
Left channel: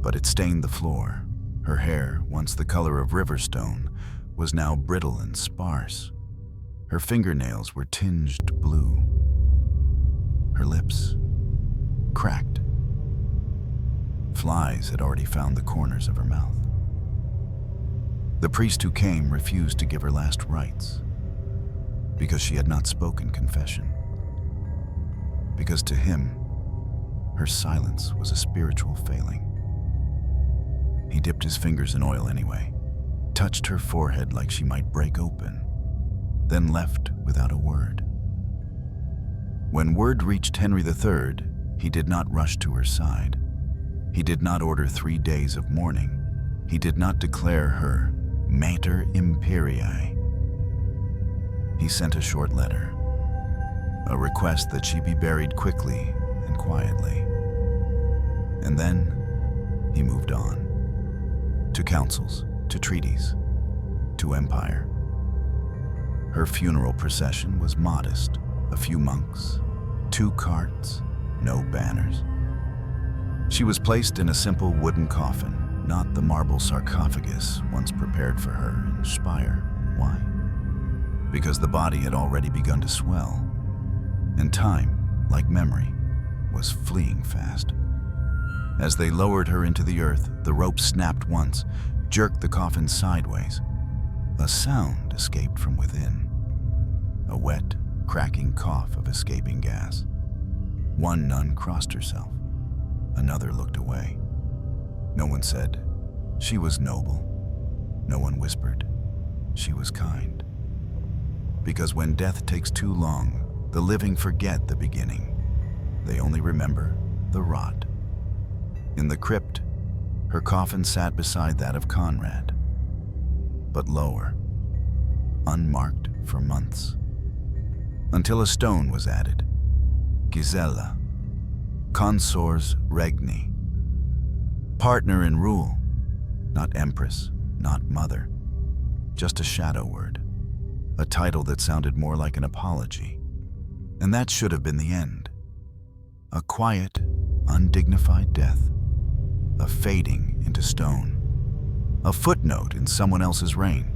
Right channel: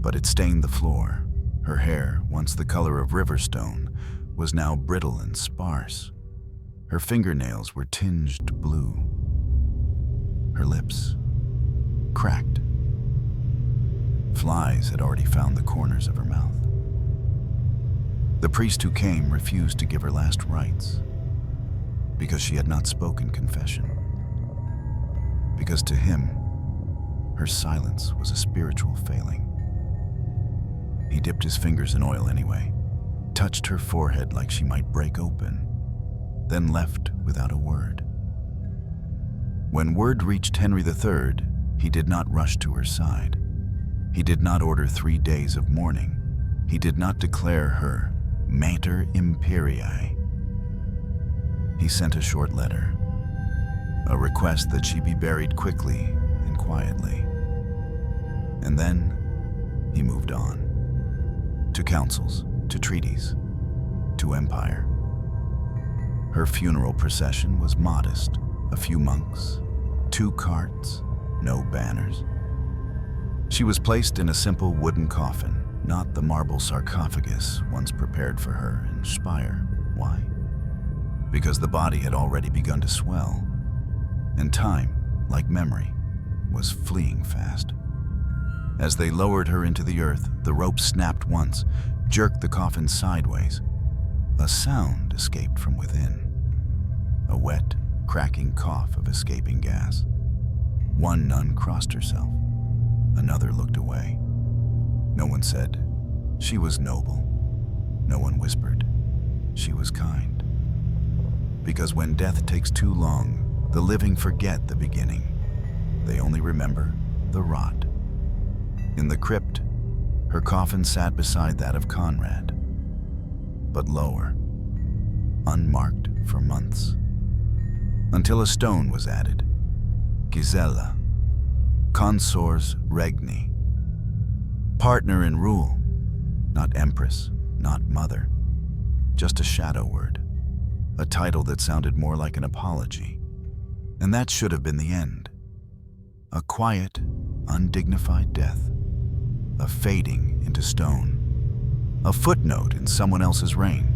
but it stained the floor. Her hair, once the color of riverstone, was now brittle and sparse. Her fingernails were tinged blue. Her lips cracked. Flies had already found the corners of her mouth. The priest who came refused to give her last rites because she had not spoken confession. Because to him, her silence was a spiritual failing. He dipped his fingers in oil anyway, touched her forehead like she might break open, then left without a word. When word reached Henry III, he did not rush to her side. He did not order 3 days of mourning. He did not declare her Mater Imperii. He sent a short letter, a request that she be buried quickly and quietly. And then he moved on, to councils, to treaties, to empire. Her funeral procession was modest, a few monks, 2 carts, no banners. She was placed in a simple wooden coffin, not the marble sarcophagus once prepared for her in Speyer. Why? Because the body had already begun to swell, and time, like memory, was fleeing fast. As they lowered her into the earth, the rope snapped once, jerked the coffin sideways. A sound escaped from within, a wet, cracking cough of escaping gas. One nun crossed herself. Another looked away. No one said, she was noble. No one whispered, she was kind. Because when death takes too long, the living forget the beginning. They only remember the rot. In the crypt, her coffin sat beside that of Conrad, but lower, unmarked for months, until a stone was added. Gisela, consors regni, partner in rule, not empress, not mother, just a shadow word, a title that sounded more like an apology. And that should have been the end. A quiet, undignified death, a fading into stone, a footnote in someone else's reign.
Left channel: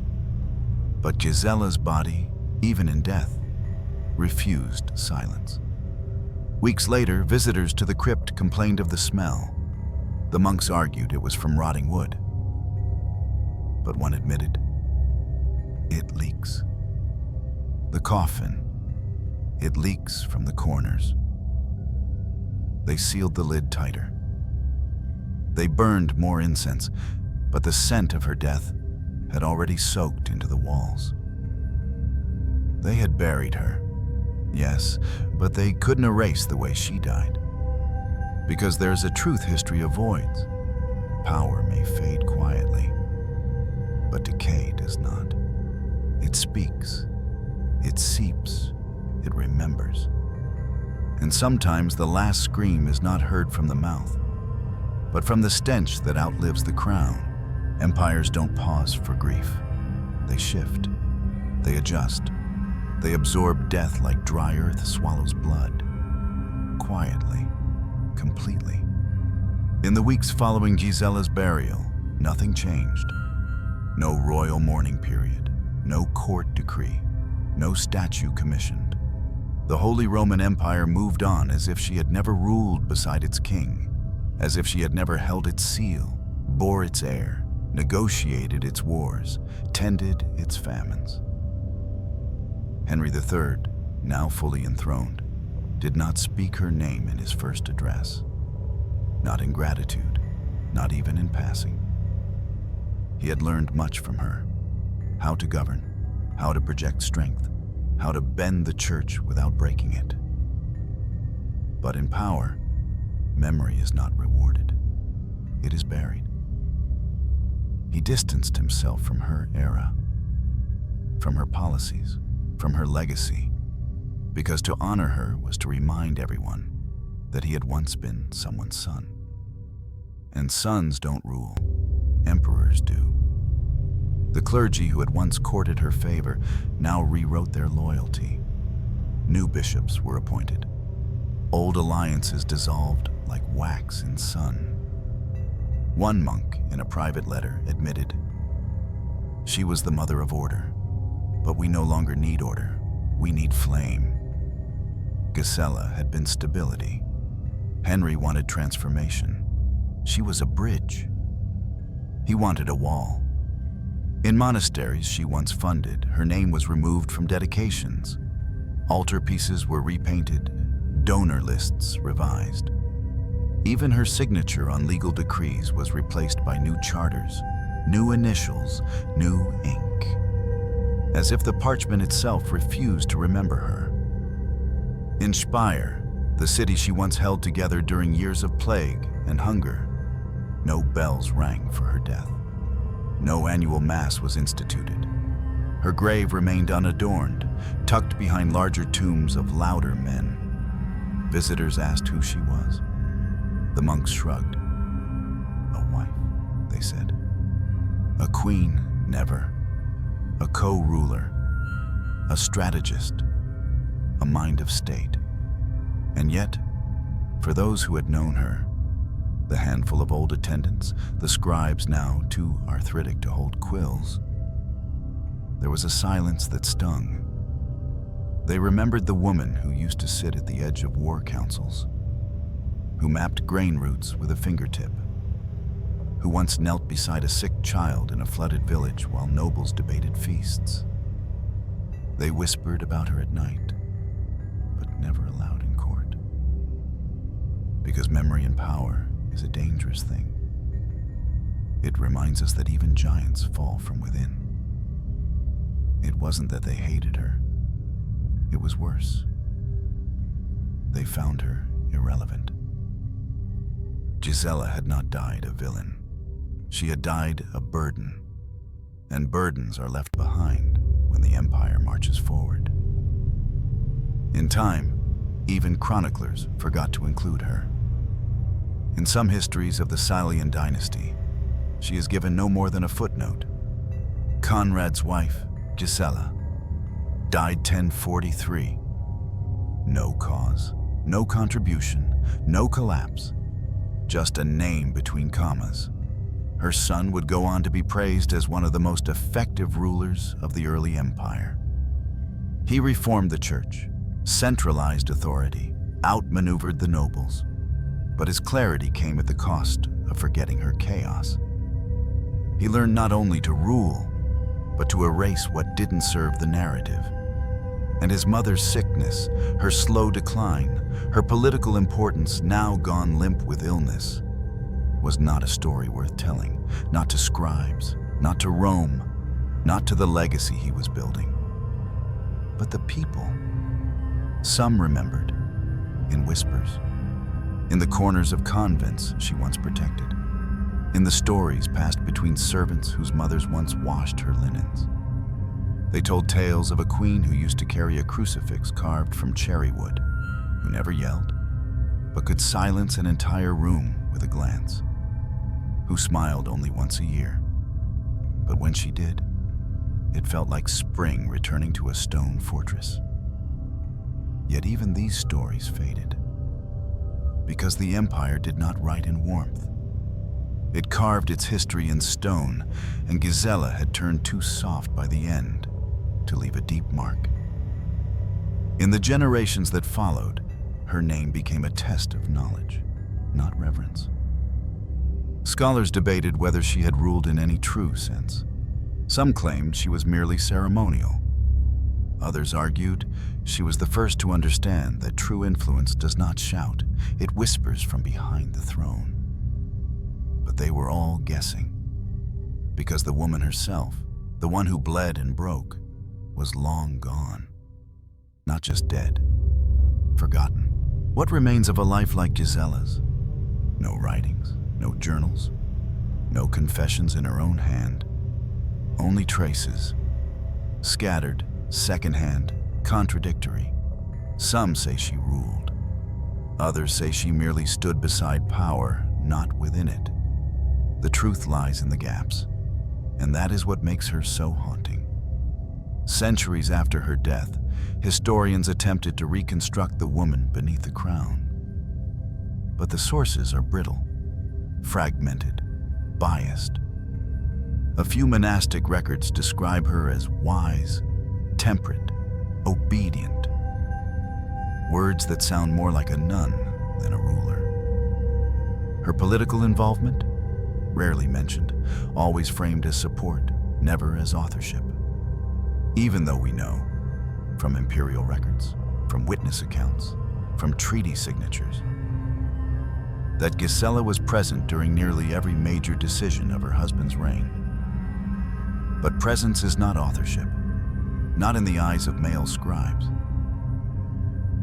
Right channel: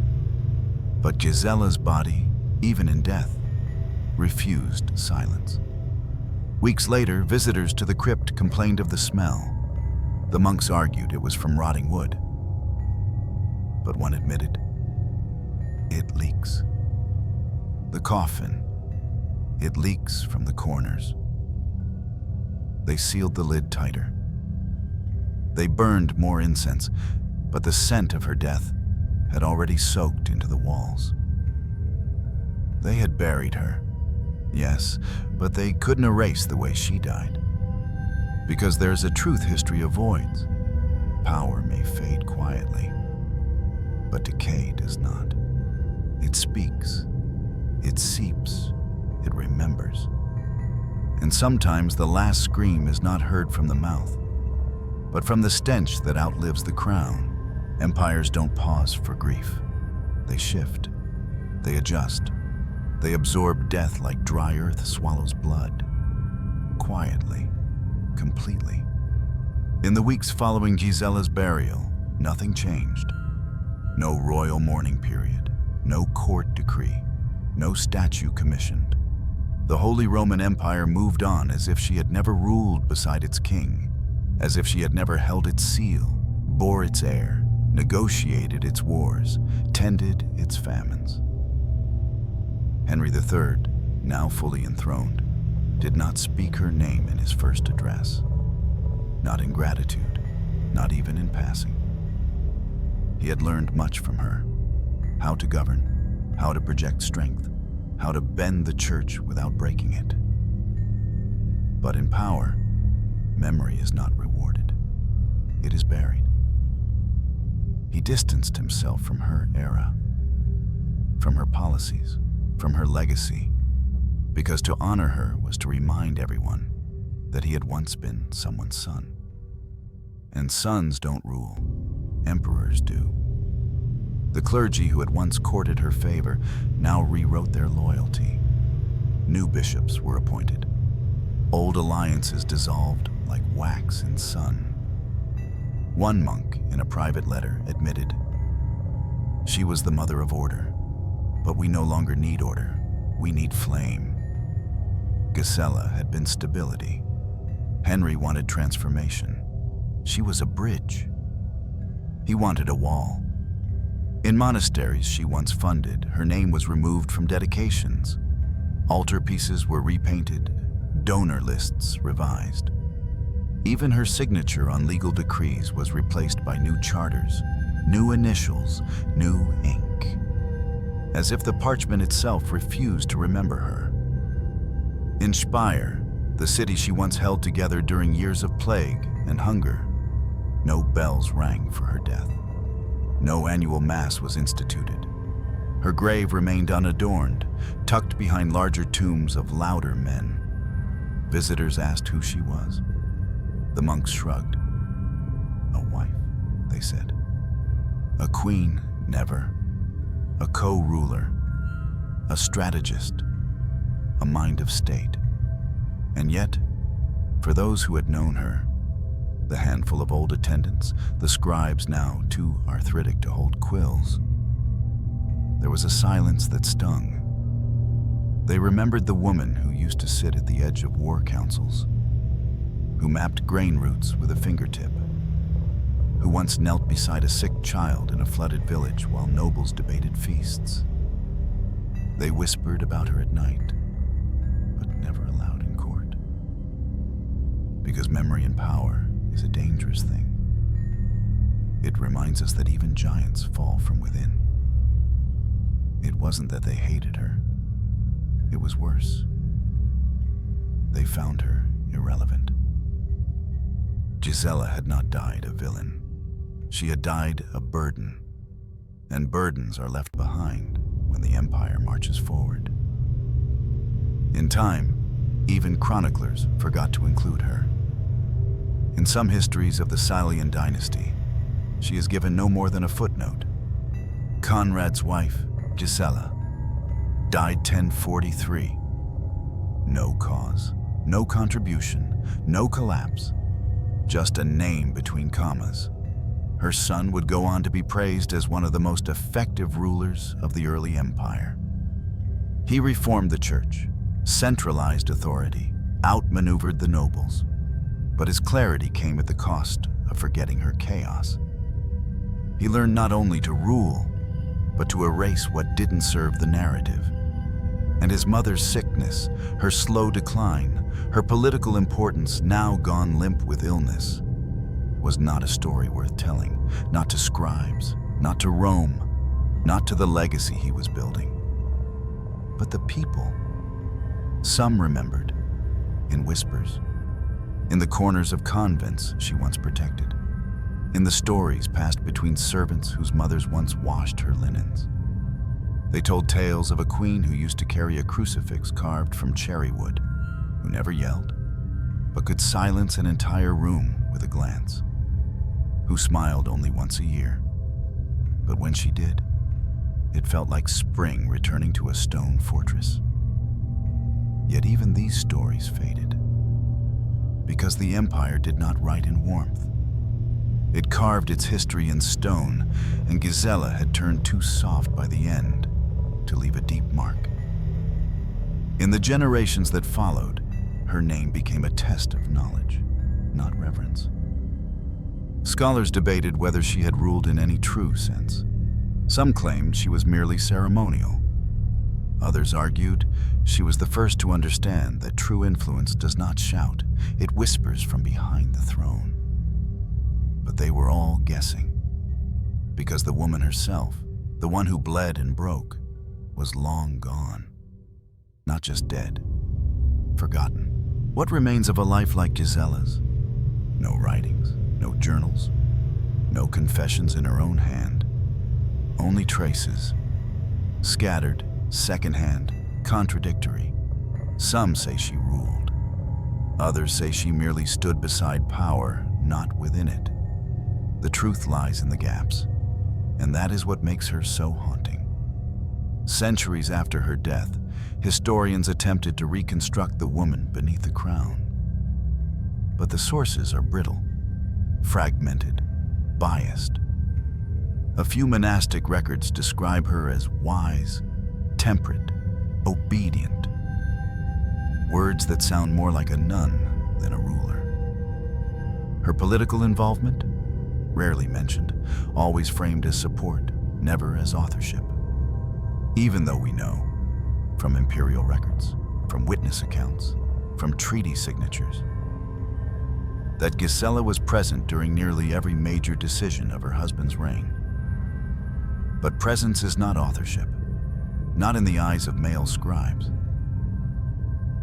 But Gisela's body, even in death, refused silence. Weeks later, visitors to the crypt complained of the smell. The monks argued it was from rotting wood. But one admitted, it leaks. The coffin, it leaks from the corners. They sealed the lid tighter. They burned more incense, but the scent of her death had already soaked into the walls. They had buried her, yes, but they couldn't erase the way she died. Because there's a truth history avoids. Power may fade quietly, but decay does not. It speaks, it seeps, it remembers. And sometimes the last scream is not heard from the mouth, but from the stench that outlives the crown. Empires don't pause for grief. They shift, they adjust, they absorb death like dry earth swallows blood. Quietly, completely. In the weeks following Gisela's burial, nothing changed. No royal mourning period, no court decree, no statue commissioned. The Holy Roman Empire moved on as if she had never ruled beside its king, as if she had never held its seal, bore its heir, negotiated its wars, tended its famines. Henry III, now fully enthroned, did not speak her name in his first address. Not in gratitude, not even in passing. He had learned much from her, how to govern, how to project strength, how to bend the church without breaking it. But in power, memory is not rewarded. It is buried. He distanced himself from her era, from her policies, from her legacy, because to honor her was to remind everyone that he had once been someone's son. And sons don't rule, emperors do. The clergy who had once courted her favor now rewrote their loyalty. New bishops were appointed. Old alliances dissolved like wax in sun. One monk, in a private letter, admitted, "She was the mother of order, but we no longer need order, we need flame." Gisela had been stability. Henry wanted transformation. She was a bridge. He wanted a wall. In monasteries she once funded, her name was removed from dedications. Altarpieces were repainted, donor lists revised. Even her signature on legal decrees was replaced by new charters, new initials, new ink. As if the parchment itself refused to remember her. In Speyer, the city she once held together during years of plague and hunger, no bells rang for her death. No annual mass was instituted. Her grave remained unadorned, tucked behind larger tombs of louder men. Visitors asked who she was. The monks shrugged. "A wife," they said. "A queen, never. A co-ruler. A strategist. A mind of state." And yet, for those who had known her, the handful of old attendants, the scribes now too arthritic to hold quills, there was a silence that stung. They remembered the woman who used to sit at the edge of war councils, who mapped grain routes with a fingertip, who once knelt beside a sick child in a flooded village while nobles debated feasts. They whispered about her at night, but never aloud in court. Because memory and power is a dangerous thing. It reminds us that even giants fall from within. It wasn't that they hated her. It was worse. They found her irrelevant. Gisela had not died a villain. She had died a burden. And burdens are left behind when the empire marches forward. In time, even chroniclers forgot to include her. In some histories of the Salian dynasty, she is given no more than a footnote. Conrad's wife, Gisela, died 1043. No cause, no contribution, no collapse, just a name between commas. Her son would go on to be praised as one of the most effective rulers of the early empire. He reformed the church, centralized authority, outmaneuvered the nobles. But his clarity came at the cost of forgetting her chaos. He learned not only to rule, but to erase what didn't serve the narrative. And his mother's sickness, her slow decline, her political importance now gone limp with illness, was not a story worth telling, not to scribes, not to Rome, not to the legacy he was building. But the people, some remembered, in whispers. In the corners of convents she once protected, in the stories passed between servants whose mothers once washed her linens. They told tales of a queen who used to carry a crucifix carved from cherry wood, who never yelled, but could silence an entire room with a glance, who smiled only once a year. But when she did, it felt like spring returning to a stone fortress. Yet even these stories faded, because the empire did not write in warmth. It carved its history in stone, and Gisela had turned too soft by the end to leave a deep mark. In the generations that followed, her name became a test of knowledge, not reverence. Scholars debated whether she had ruled in any true sense. Some claimed she was merely ceremonial. Others argued she was the first to understand that true influence does not shout, it whispers from behind the throne. But they were all guessing, because the woman herself, the one who bled and broke, was long gone. Not just dead, forgotten. What remains of a life like Gisela's? No writings, no journals, no confessions in her own hand. Only traces, scattered, secondhand, contradictory. Some say she ruled. Others say she merely stood beside power, not within it. The truth lies in the gaps, and that is what makes her so haunting. Centuries after her death, historians attempted to reconstruct the woman beneath the crown. But the sources are brittle, fragmented, biased. A few monastic records describe her as wise, temperate, obedient. Words that sound more like a nun than a ruler. Her political involvement? Rarely mentioned, always framed as support, never as authorship. Even though we know, from imperial records, from witness accounts, from treaty signatures, that Gisela was present during nearly every major decision of her husband's reign. But presence is not authorship, not in the eyes of male scribes.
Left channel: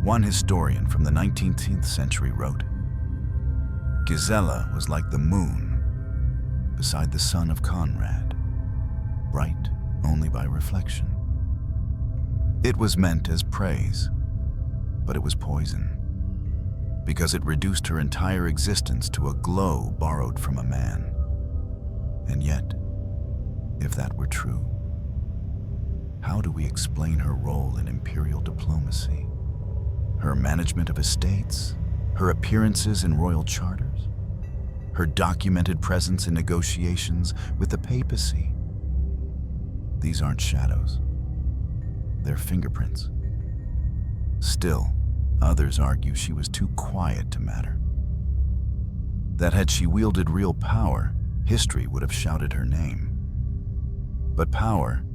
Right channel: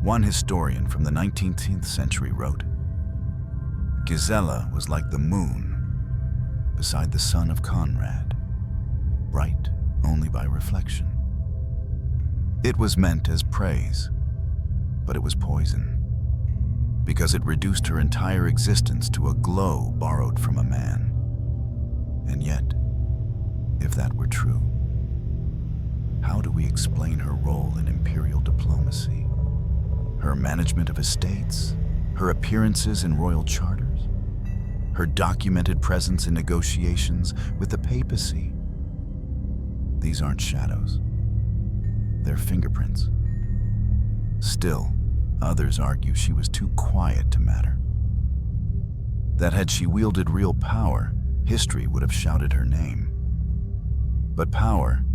One historian from the 19th century wrote, "Gisela was like the moon beside the sun of Conrad, bright only by reflection." It was meant as praise, but it was poison, because it reduced her entire existence to a glow borrowed from a man. And yet, if that were true, how do we explain her role in imperial diplomacy? Her management of estates, her appearances in royal charters, her documented presence in negotiations with the papacy. These aren't shadows. They're fingerprints. Still, others argue she was too quiet to matter. That had she wielded real power, history would have shouted her name. But power,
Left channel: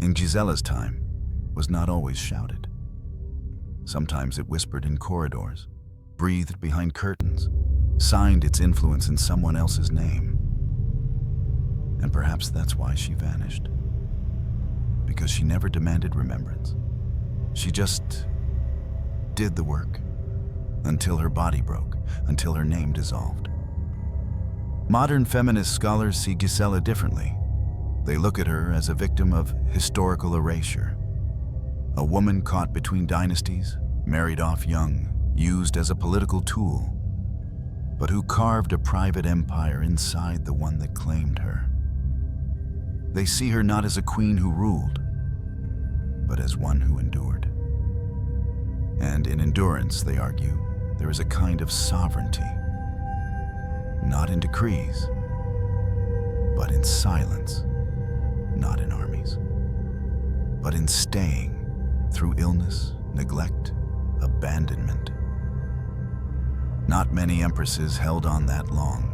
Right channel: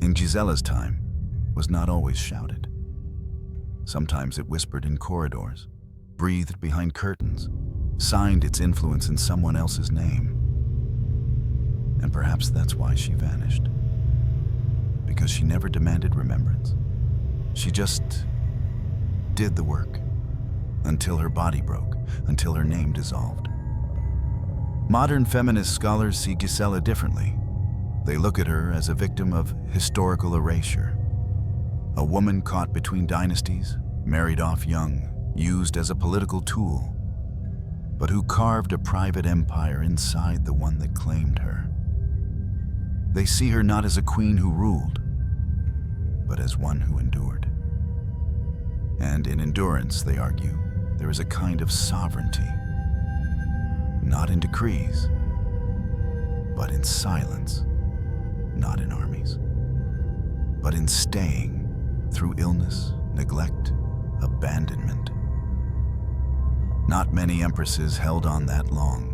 in Gisela's time, was not always shouted. Sometimes it whispered in corridors, breathed behind curtains, signed its influence in someone else's name. And perhaps that's why she vanished. Because she never demanded remembrance. She just did the work until her body broke, until her name dissolved. Modern feminist scholars see Gisela differently. They look at her as a victim of historical erasure. A woman caught between dynasties, married off young, used as a political tool, but who carved a private empire inside the one that claimed her. They see her not as a queen who ruled, but as one who endured. And in endurance, they argue, there is a kind of sovereignty, not in decrees, but in silence, not in armies, but in staying through illness, neglect, abandonment. Not many empresses held on that long.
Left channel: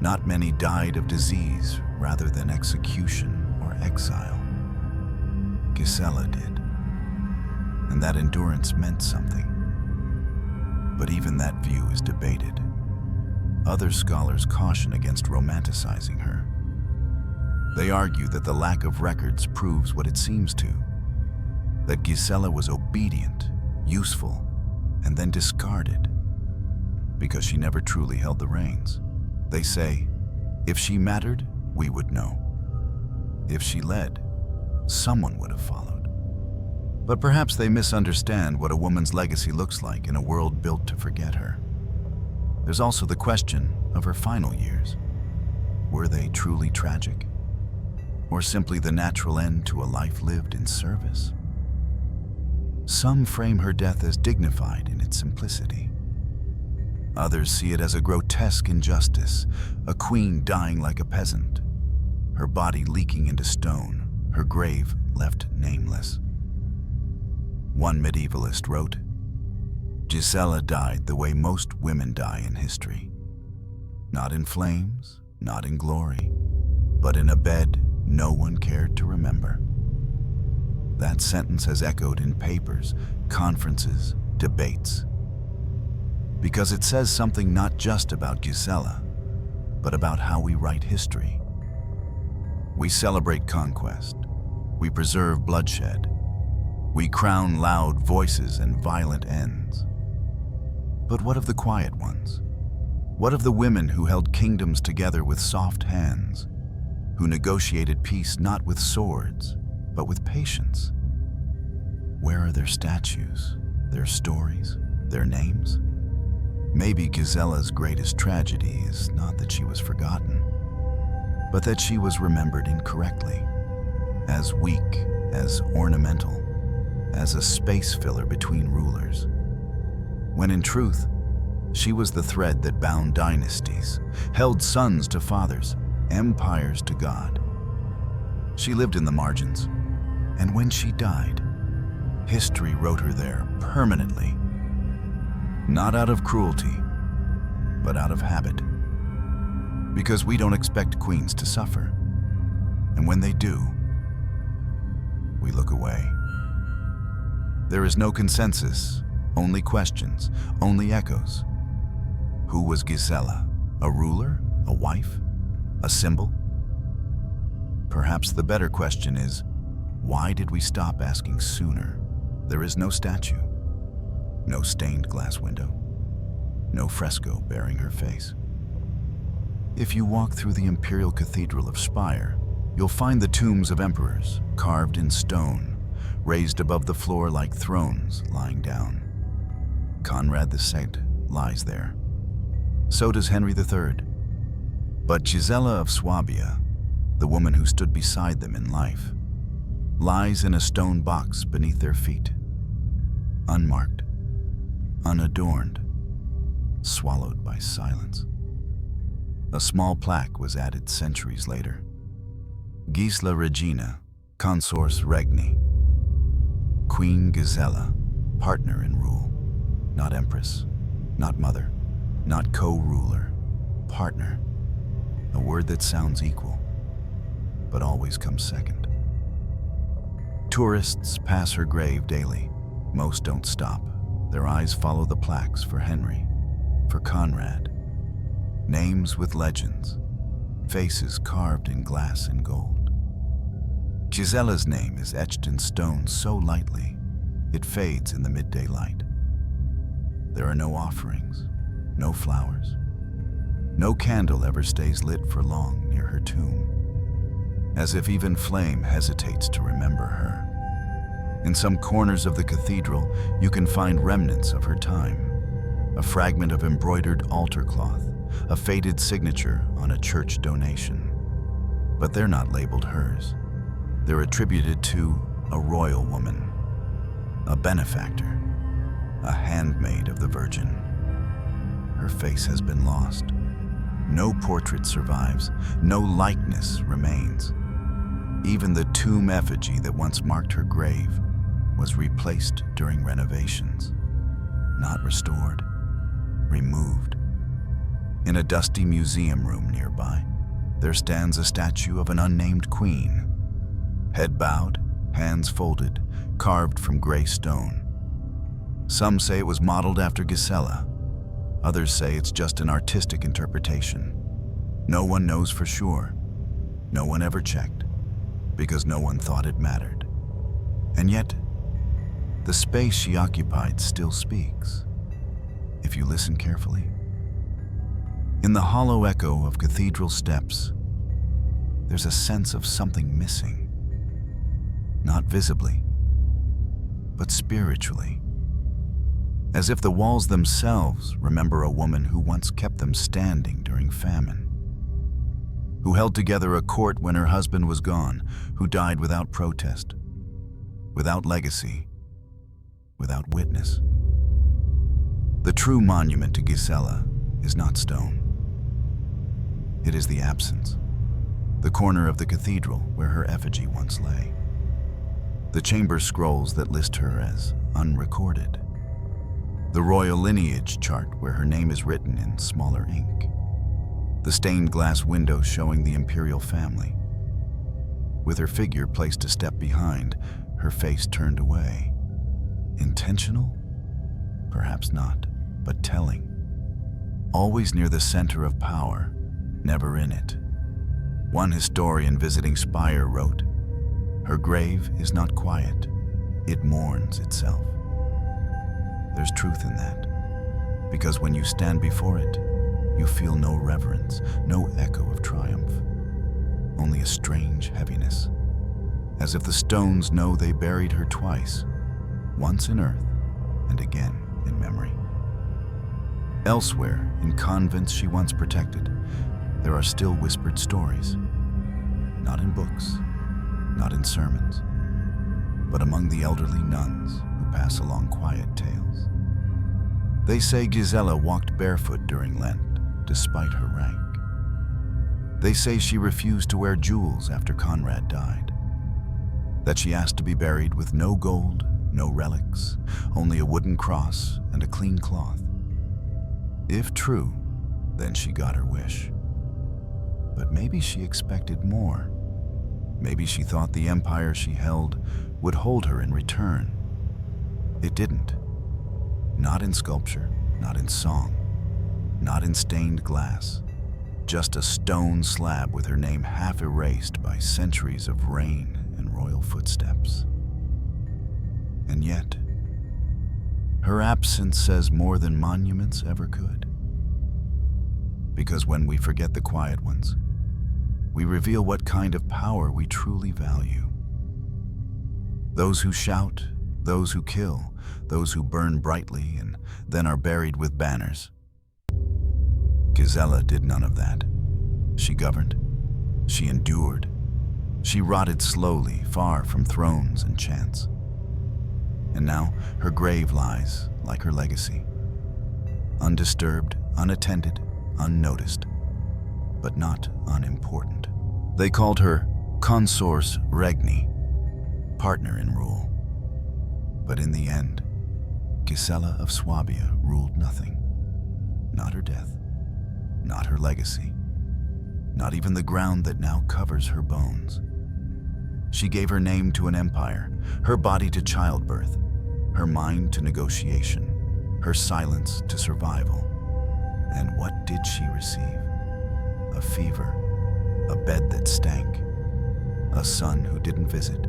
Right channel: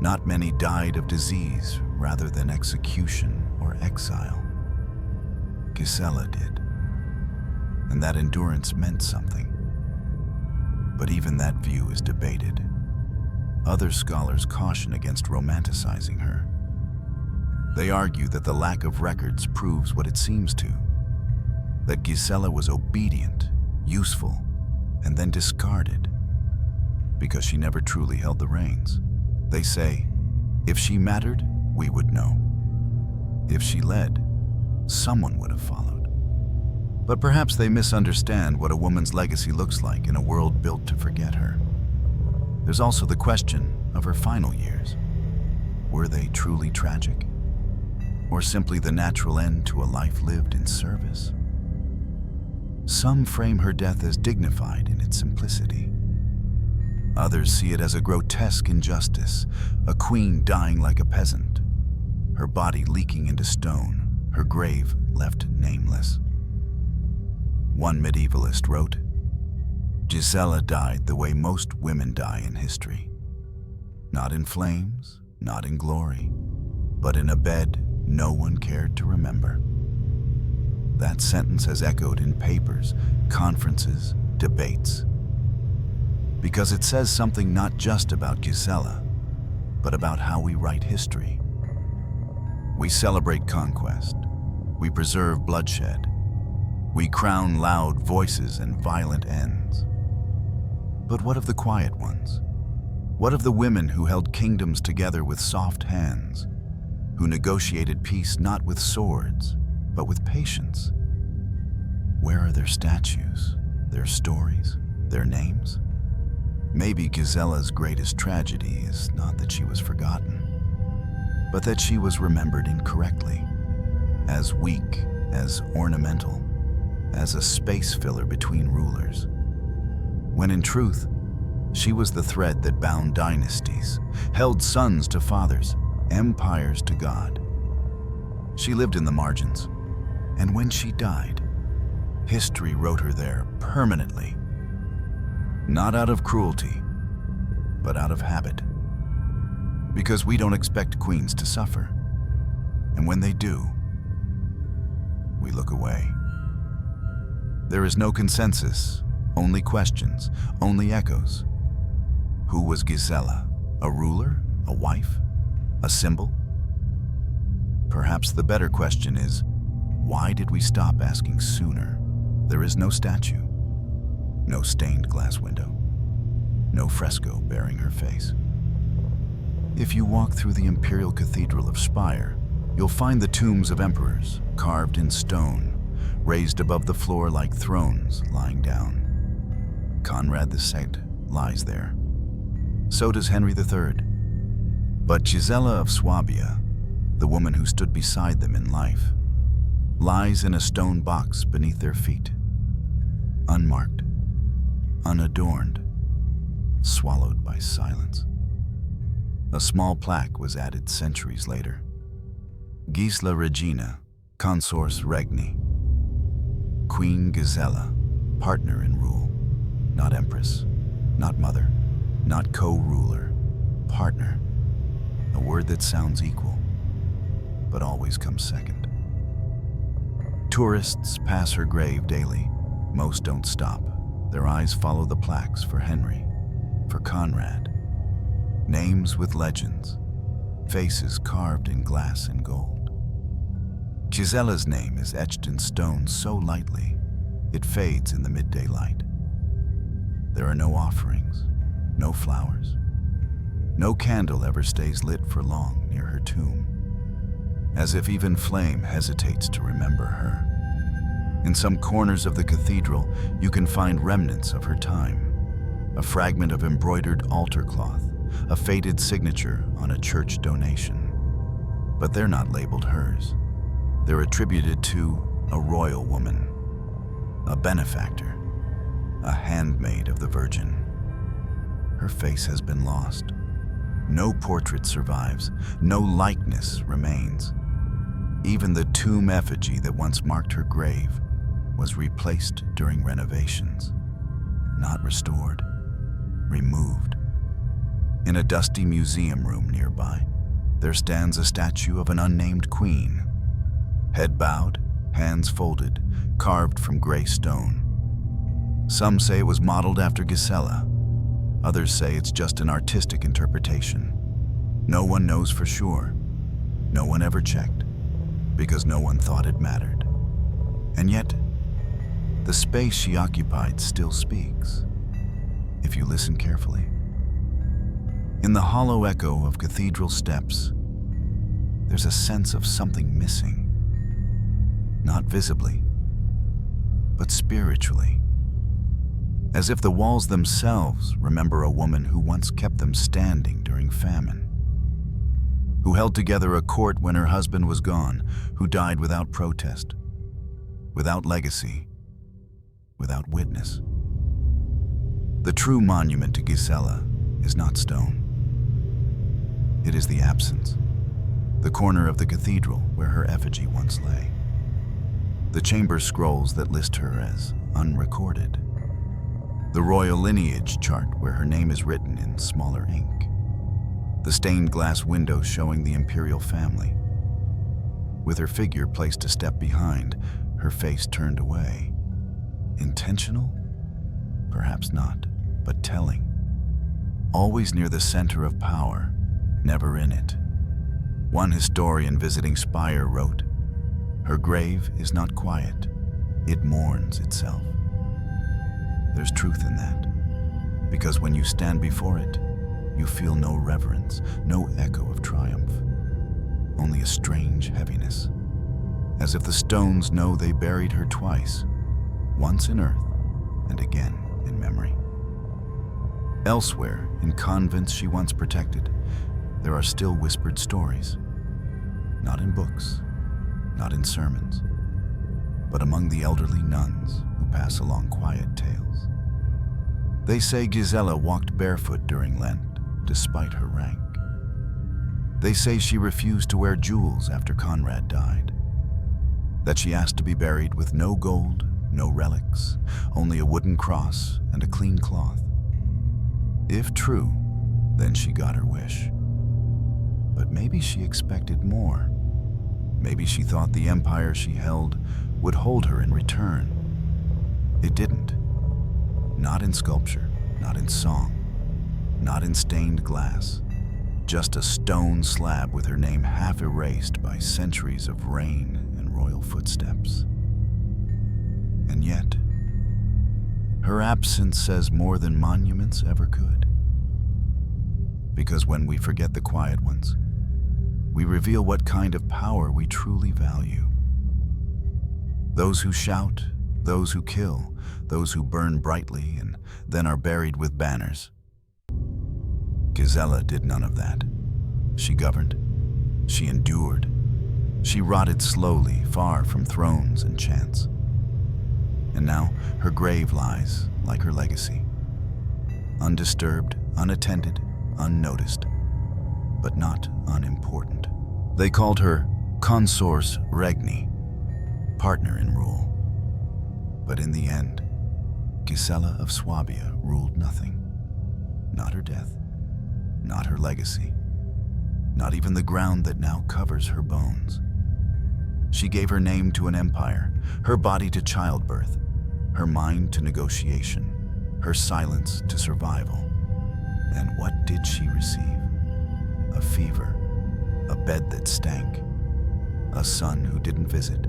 Not many died of disease rather than execution or exile. Gisela did, and that endurance meant something. But even that view is debated. Other scholars caution against romanticizing her. They argue that the lack of records proves what it seems to, that Gisela was obedient, useful, and then discarded because she never truly held the reins. They say, if she mattered, we would know. If she led, someone would have followed. But perhaps they misunderstand what a woman's legacy looks like in a world built to forget her. There's also the question of her final years. Were they truly tragic? Or simply the natural end to a life lived in service? Some frame her death as dignified in its simplicity. Others see it as a grotesque injustice, a queen dying like a peasant, her body leaking into stone, her grave left nameless. One medievalist wrote, "Gisela died the way most women die in history. Not in flames, not in glory, but in a bed no one cared to remember." That sentence has echoed in papers, conferences, debates. Because it says something not just about Gisela, but about how we write history. We celebrate conquest. We preserve bloodshed. We crown loud voices and violent ends. But what of the quiet ones? What of the women who held kingdoms together with soft hands, who negotiated peace not with swords, but with patience? Where are their statues, their stories, their names? Maybe Gisela's greatest tragedy is not that she was forgotten, but that she was remembered incorrectly, as weak, as ornamental, as a space filler between rulers, when in truth, she was the thread that bound dynasties, held sons to fathers, empires to God. She lived in the margins, and when she died, history wrote her there permanently, not out of cruelty, but out of habit. Because we don't expect queens to suffer, and when they do, we look away. There is no consensus, only questions, only echoes. Who was Gisela? A ruler? A wife? A symbol? Perhaps the better question is, why did we stop asking sooner? There is no statue, no stained glass window, no fresco bearing her face. If you walk through the Imperial Cathedral of Speyer, you'll find the tombs of emperors, carved in stone, raised above the floor like thrones lying down. Conrad II lies there. So does Henry III. But Gisela of Swabia, the woman who stood beside them in life, lies in a stone box beneath their feet, unmarked, unadorned, swallowed by silence. A small plaque was added centuries later. Gisela Regina, consors regni. Queen Gisela, partner in rule, not empress, not mother, not co-ruler, partner. A word that sounds equal, but always comes second. Tourists pass her grave daily. Most don't stop. Their eyes follow the plaques for Henry, for Conrad. Names with legends, faces carved in glass and gold. Gisela's name is etched in stone so lightly, it fades in the midday light. There are no offerings, no flowers. No candle ever stays lit for long near her tomb, as if even flame hesitates to remember her. In some corners of the cathedral, you can find remnants of her time, a fragment of embroidered altar cloth, a faded signature on a church donation. But they're not labeled hers. They're attributed to a royal woman, a benefactor, a handmaid of the Virgin. Her face has been lost. No portrait survives, no likeness remains. Even the tomb effigy that once marked her grave was replaced during renovations. Not restored, removed. In a dusty museum room nearby, there stands a statue of an unnamed queen. Head bowed, hands folded, carved from gray stone. Some say it was modeled after Gisela. Others say it's just an artistic interpretation. No one knows for sure. No one ever checked, because no one thought it mattered. And yet, the space she occupied still speaks, if you listen carefully. In the hollow echo of cathedral steps, there's a sense of something missing. Not visibly, but spiritually. As if the walls themselves remember a woman who once kept them standing during famine, who held together a court when her husband was gone, who died without protest, without legacy, without witness. The true monument to Gisela is not stone. It is the absence, the corner of the cathedral where her effigy once lay, the chamber scrolls that list her as unrecorded, the royal lineage chart where her name is written in smaller ink, the stained glass window showing the Imperial family. With her figure placed a step behind, her face turned away. Intentional? Perhaps not, but telling. Always near the center of power, never in it. One historian visiting Speyer wrote, "Her grave is not quiet, it mourns itself." There's truth in that, because when you stand before it, you feel no reverence, no echo of triumph, only a strange heaviness, as if the stones know they buried her twice, once in earth and again in memory. Elsewhere, in convents she once protected, there are still whispered stories, not in books, not in sermons, but among the elderly nuns who pass along quiet tales. They say Gisela walked barefoot during Lent, despite her rank. They say she refused to wear jewels after Conrad died, that she asked to be buried with no gold, no relics, only a wooden cross and a clean cloth. If true, then she got her wish. But maybe she expected more. Maybe she thought the empire she held would hold her in return. It didn't. Not in sculpture, not in song, not in stained glass. Just a stone slab with her name half erased by centuries of rain and royal footsteps. And yet, her absence says more than monuments ever could. Because when we forget the quiet ones, we reveal what kind of power we truly value. Those who shout, those who kill, those who burn brightly and then are buried with banners. Gisela did none of that. She governed, she endured, she rotted slowly, far from thrones and chance. And now her grave lies like her legacy, undisturbed, unattended, unnoticed, but not unimportant. They called her consors regni, partner in rule. But in the end, Gisela of Swabia ruled nothing. Not her death, not her legacy, not even the ground that now covers her bones. She gave her name to an empire, her body to childbirth, her mind to negotiation, her silence to survival. And what did she receive? A fever, a bed that stank, a son who didn't visit,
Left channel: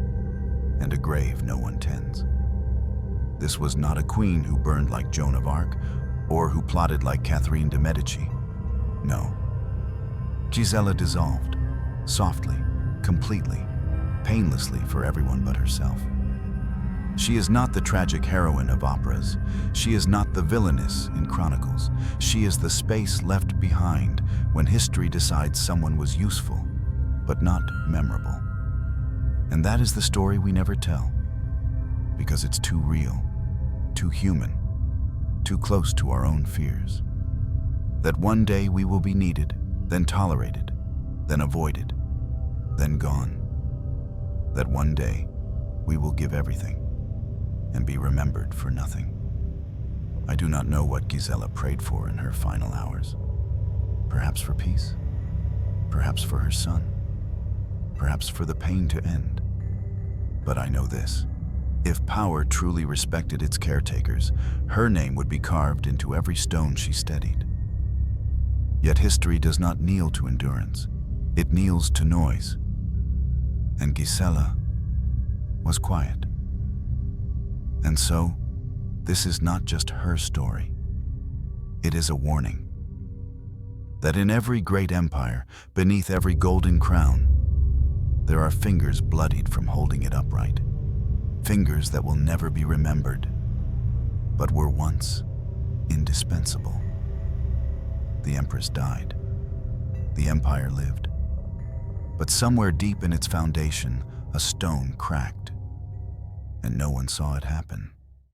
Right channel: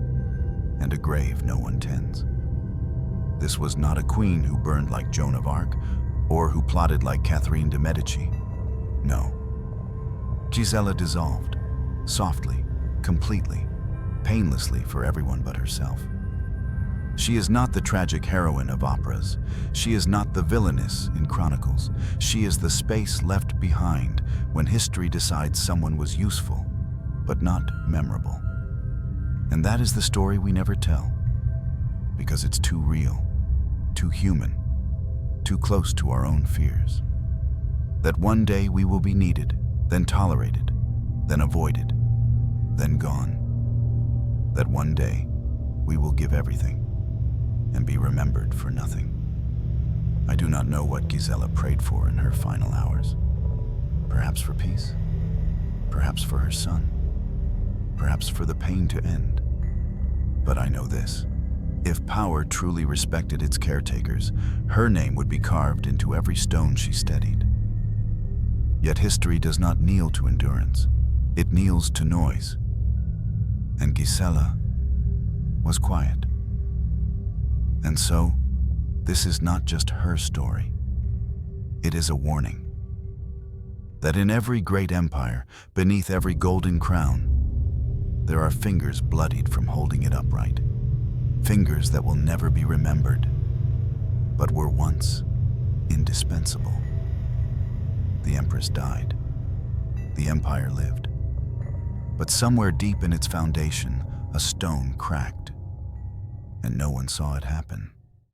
and a grave no one tends. This was not a queen who burned like Joan of Arc or who plotted like Catherine de' Medici. No. Gisela dissolved, softly, completely, painlessly for everyone but herself. She is not the tragic heroine of operas. She is not the villainess in chronicles. She is the space left behind when history decides someone was useful, but not memorable. And that is the story we never tell, because it's too real, too human, too close to our own fears. That one day we will be needed, then tolerated, then avoided, then gone. That one day we will give everything and be remembered for nothing. I do not know what Gisela prayed for in her final hours. Perhaps for peace, perhaps for her son, perhaps for the pain to end. But I know this: if power truly respected its caretakers, her name would be carved into every stone she steadied. Yet history does not kneel to endurance, it kneels to noise. And Gisela was quiet. And so, this is not just her story. It is a warning that in every great empire, beneath every golden crown, there are fingers bloodied from holding it upright. Fingers that will never be remembered, but were once indispensable. The Empress died. The empire lived. But somewhere deep in its foundation, a stone cracked, and no one saw it happen.